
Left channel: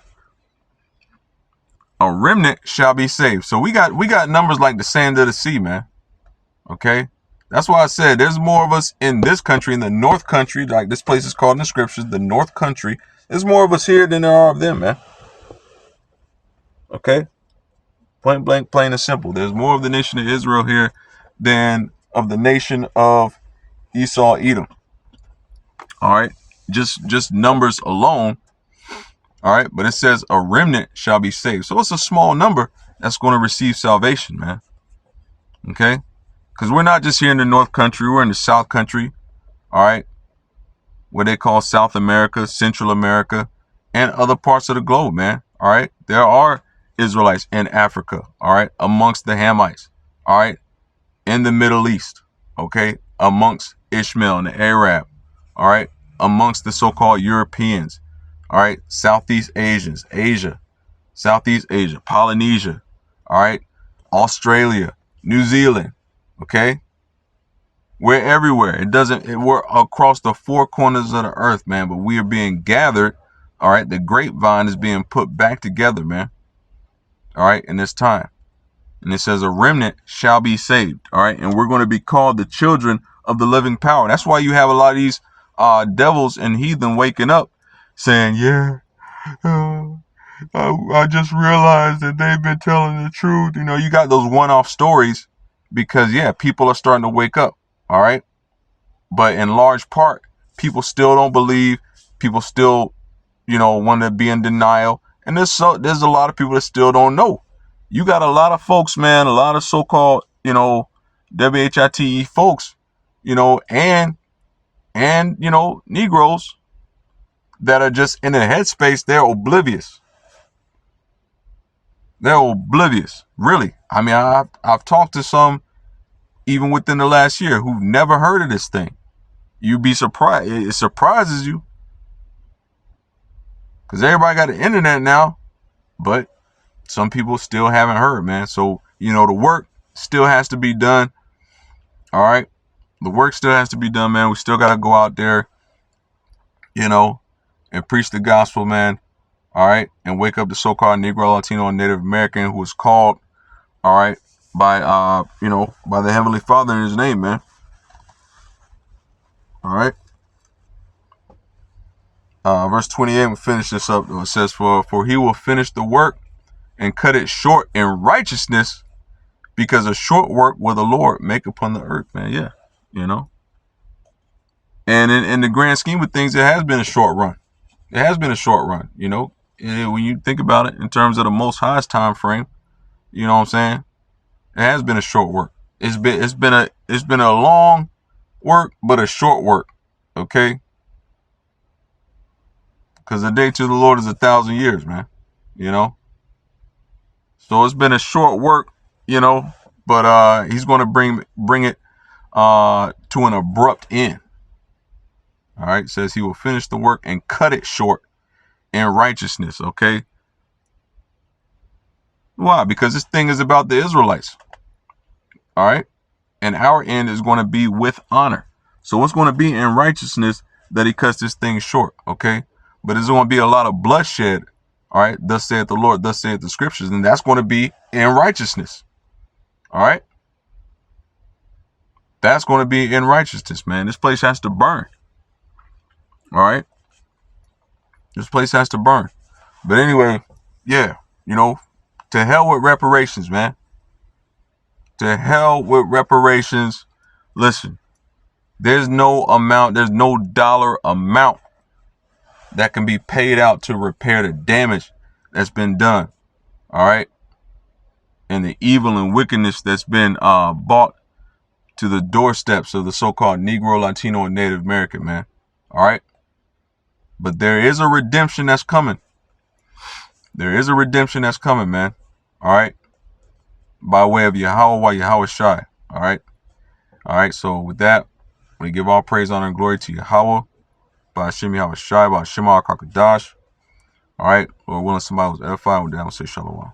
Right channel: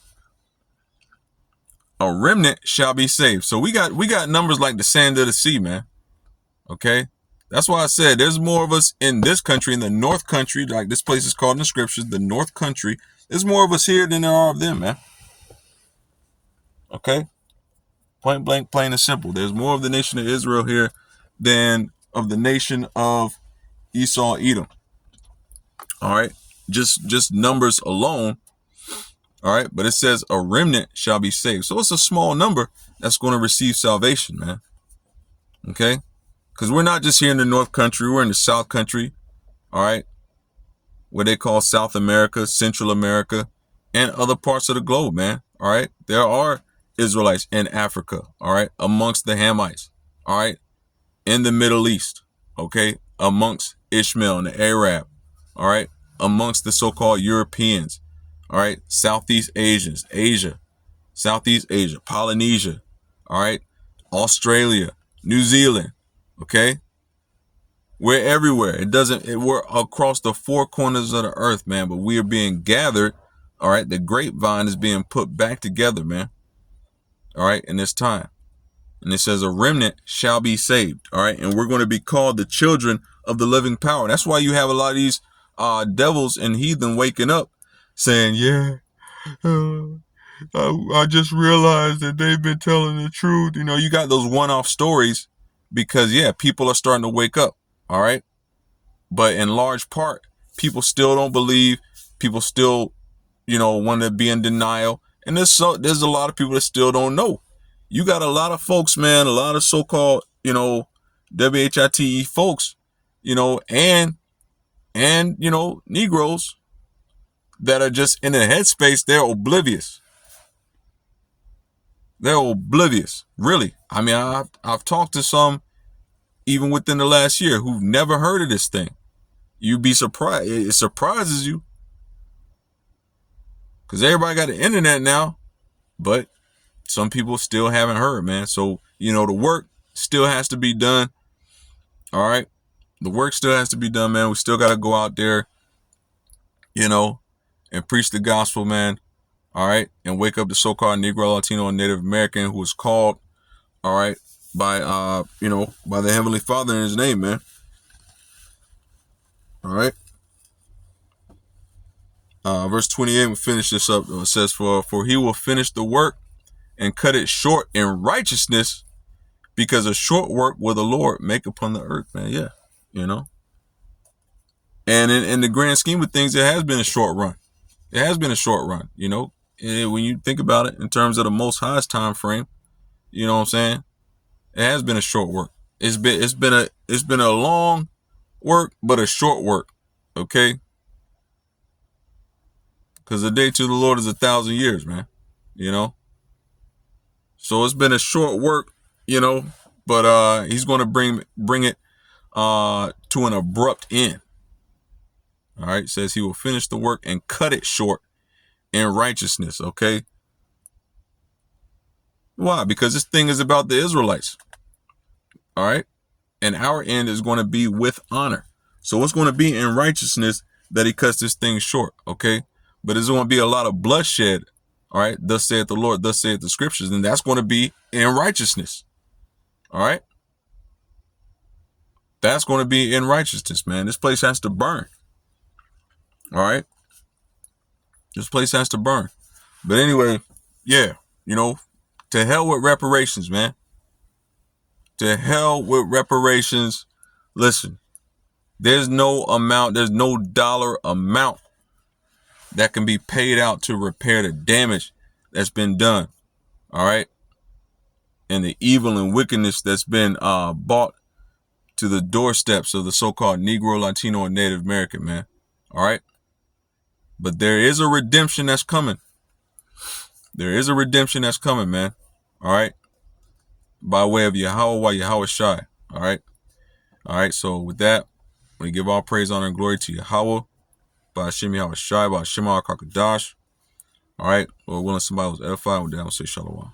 A remnant shall be saved. So we got numbers like the sand of the sea, man. Okay? That's why I said there's more of us in this country, in the North Country, like this place is called in the scriptures, the North Country. There's more of us here than there are of them, man. Okay? Point blank, plain and simple. There's more of the nation of Israel here than of the nation of Esau, Edom. All right? Just numbers alone. All right? But it says a remnant shall be saved. So it's a small number that's going to receive salvation, man. Okay? Because we're not just here in the North Country. We're in the South Country. All right? What they call South America, Central America, and other parts of the globe, man. All right? There are Israelites in Africa, all right, amongst the Hamites, all right, in the Middle East, okay, amongst Ishmael and the Arab, all right, amongst the so-called Europeans, all right, Southeast Asians, Southeast Asia, Polynesia, all right, Australia, New Zealand, okay, we're everywhere. We're across the four corners of the earth, man, but we are being gathered, all right, the grapevine is being put back together, man. All right, in this time. And it says a remnant shall be saved. All right, and we're going to be called the children of the living power. And that's why you have a lot of these devils and heathen waking up saying, yeah, I just realized that they've been telling the truth. You got those one-off stories because, yeah, people are starting to wake up. All right. But in large part, people still don't believe. People still, want to be in denial. And there's a lot of people that still don't know. You got a lot of folks, man, a lot of so-called, WHITE folks, and Negroes that are just in a headspace. They're oblivious. They're oblivious, really. I mean, I've talked to some even within the last year who've never heard of this thing. you'd be surprised. It surprises you. Because everybody got the internet now. But some people still haven't heard, man. So, the work still has to be done. All right. The work still has to be done, man. We still got to go out there, and preach the gospel, man. All right. And wake up the so-called Negro, Latino, and Native American who was called, all right, by, by the Heavenly Father in his name, man. All right. Verse 28, we'll finish this up. It says, for he will finish the work and cut it short in righteousness, because a short work will the Lord make upon the earth, man. Yeah. And in the grand scheme of things, it has been a short run. It has been a short run, when you think about it in terms of the Most High's time frame, you know what I'm saying? It has been a short work. It's been a long work, but a short work. Okay. Because the day to the Lord is 1,000 years, man. So it's been a short work, but he's going to bring it to an abrupt end. All right. It says he will finish the work and cut it short in righteousness. Okay. Why? Because this thing is about the Israelites. All right. And our end is going to be with honor. So it's going to be in righteousness that he cuts this thing short. Okay. But there's going to be a lot of bloodshed. All right. Thus saith the Lord, thus saith the scriptures. And that's going to be in righteousness. All right. That's going to be in righteousness, man. This place has to burn. All right. This place has to burn. But anyway, yeah, to hell with reparations, man. To hell with reparations. Listen, there's no dollar amount that can be paid out to repair the damage that's been done. All right. And the evil and wickedness that's been brought to the doorsteps of the so-called Negro, Latino, and Native American, man. All right. But there is a redemption that's coming. There is a redemption that's coming, man. All right. By way of Yahweh Shai. All right. All right. So with that, we give all praise, honor, and glory to Yahweh. By Hashem Yahweh Shai, by Hashem Al Kakadash. All right. Lord willing, somebody was edified. With that, we'll say shalom.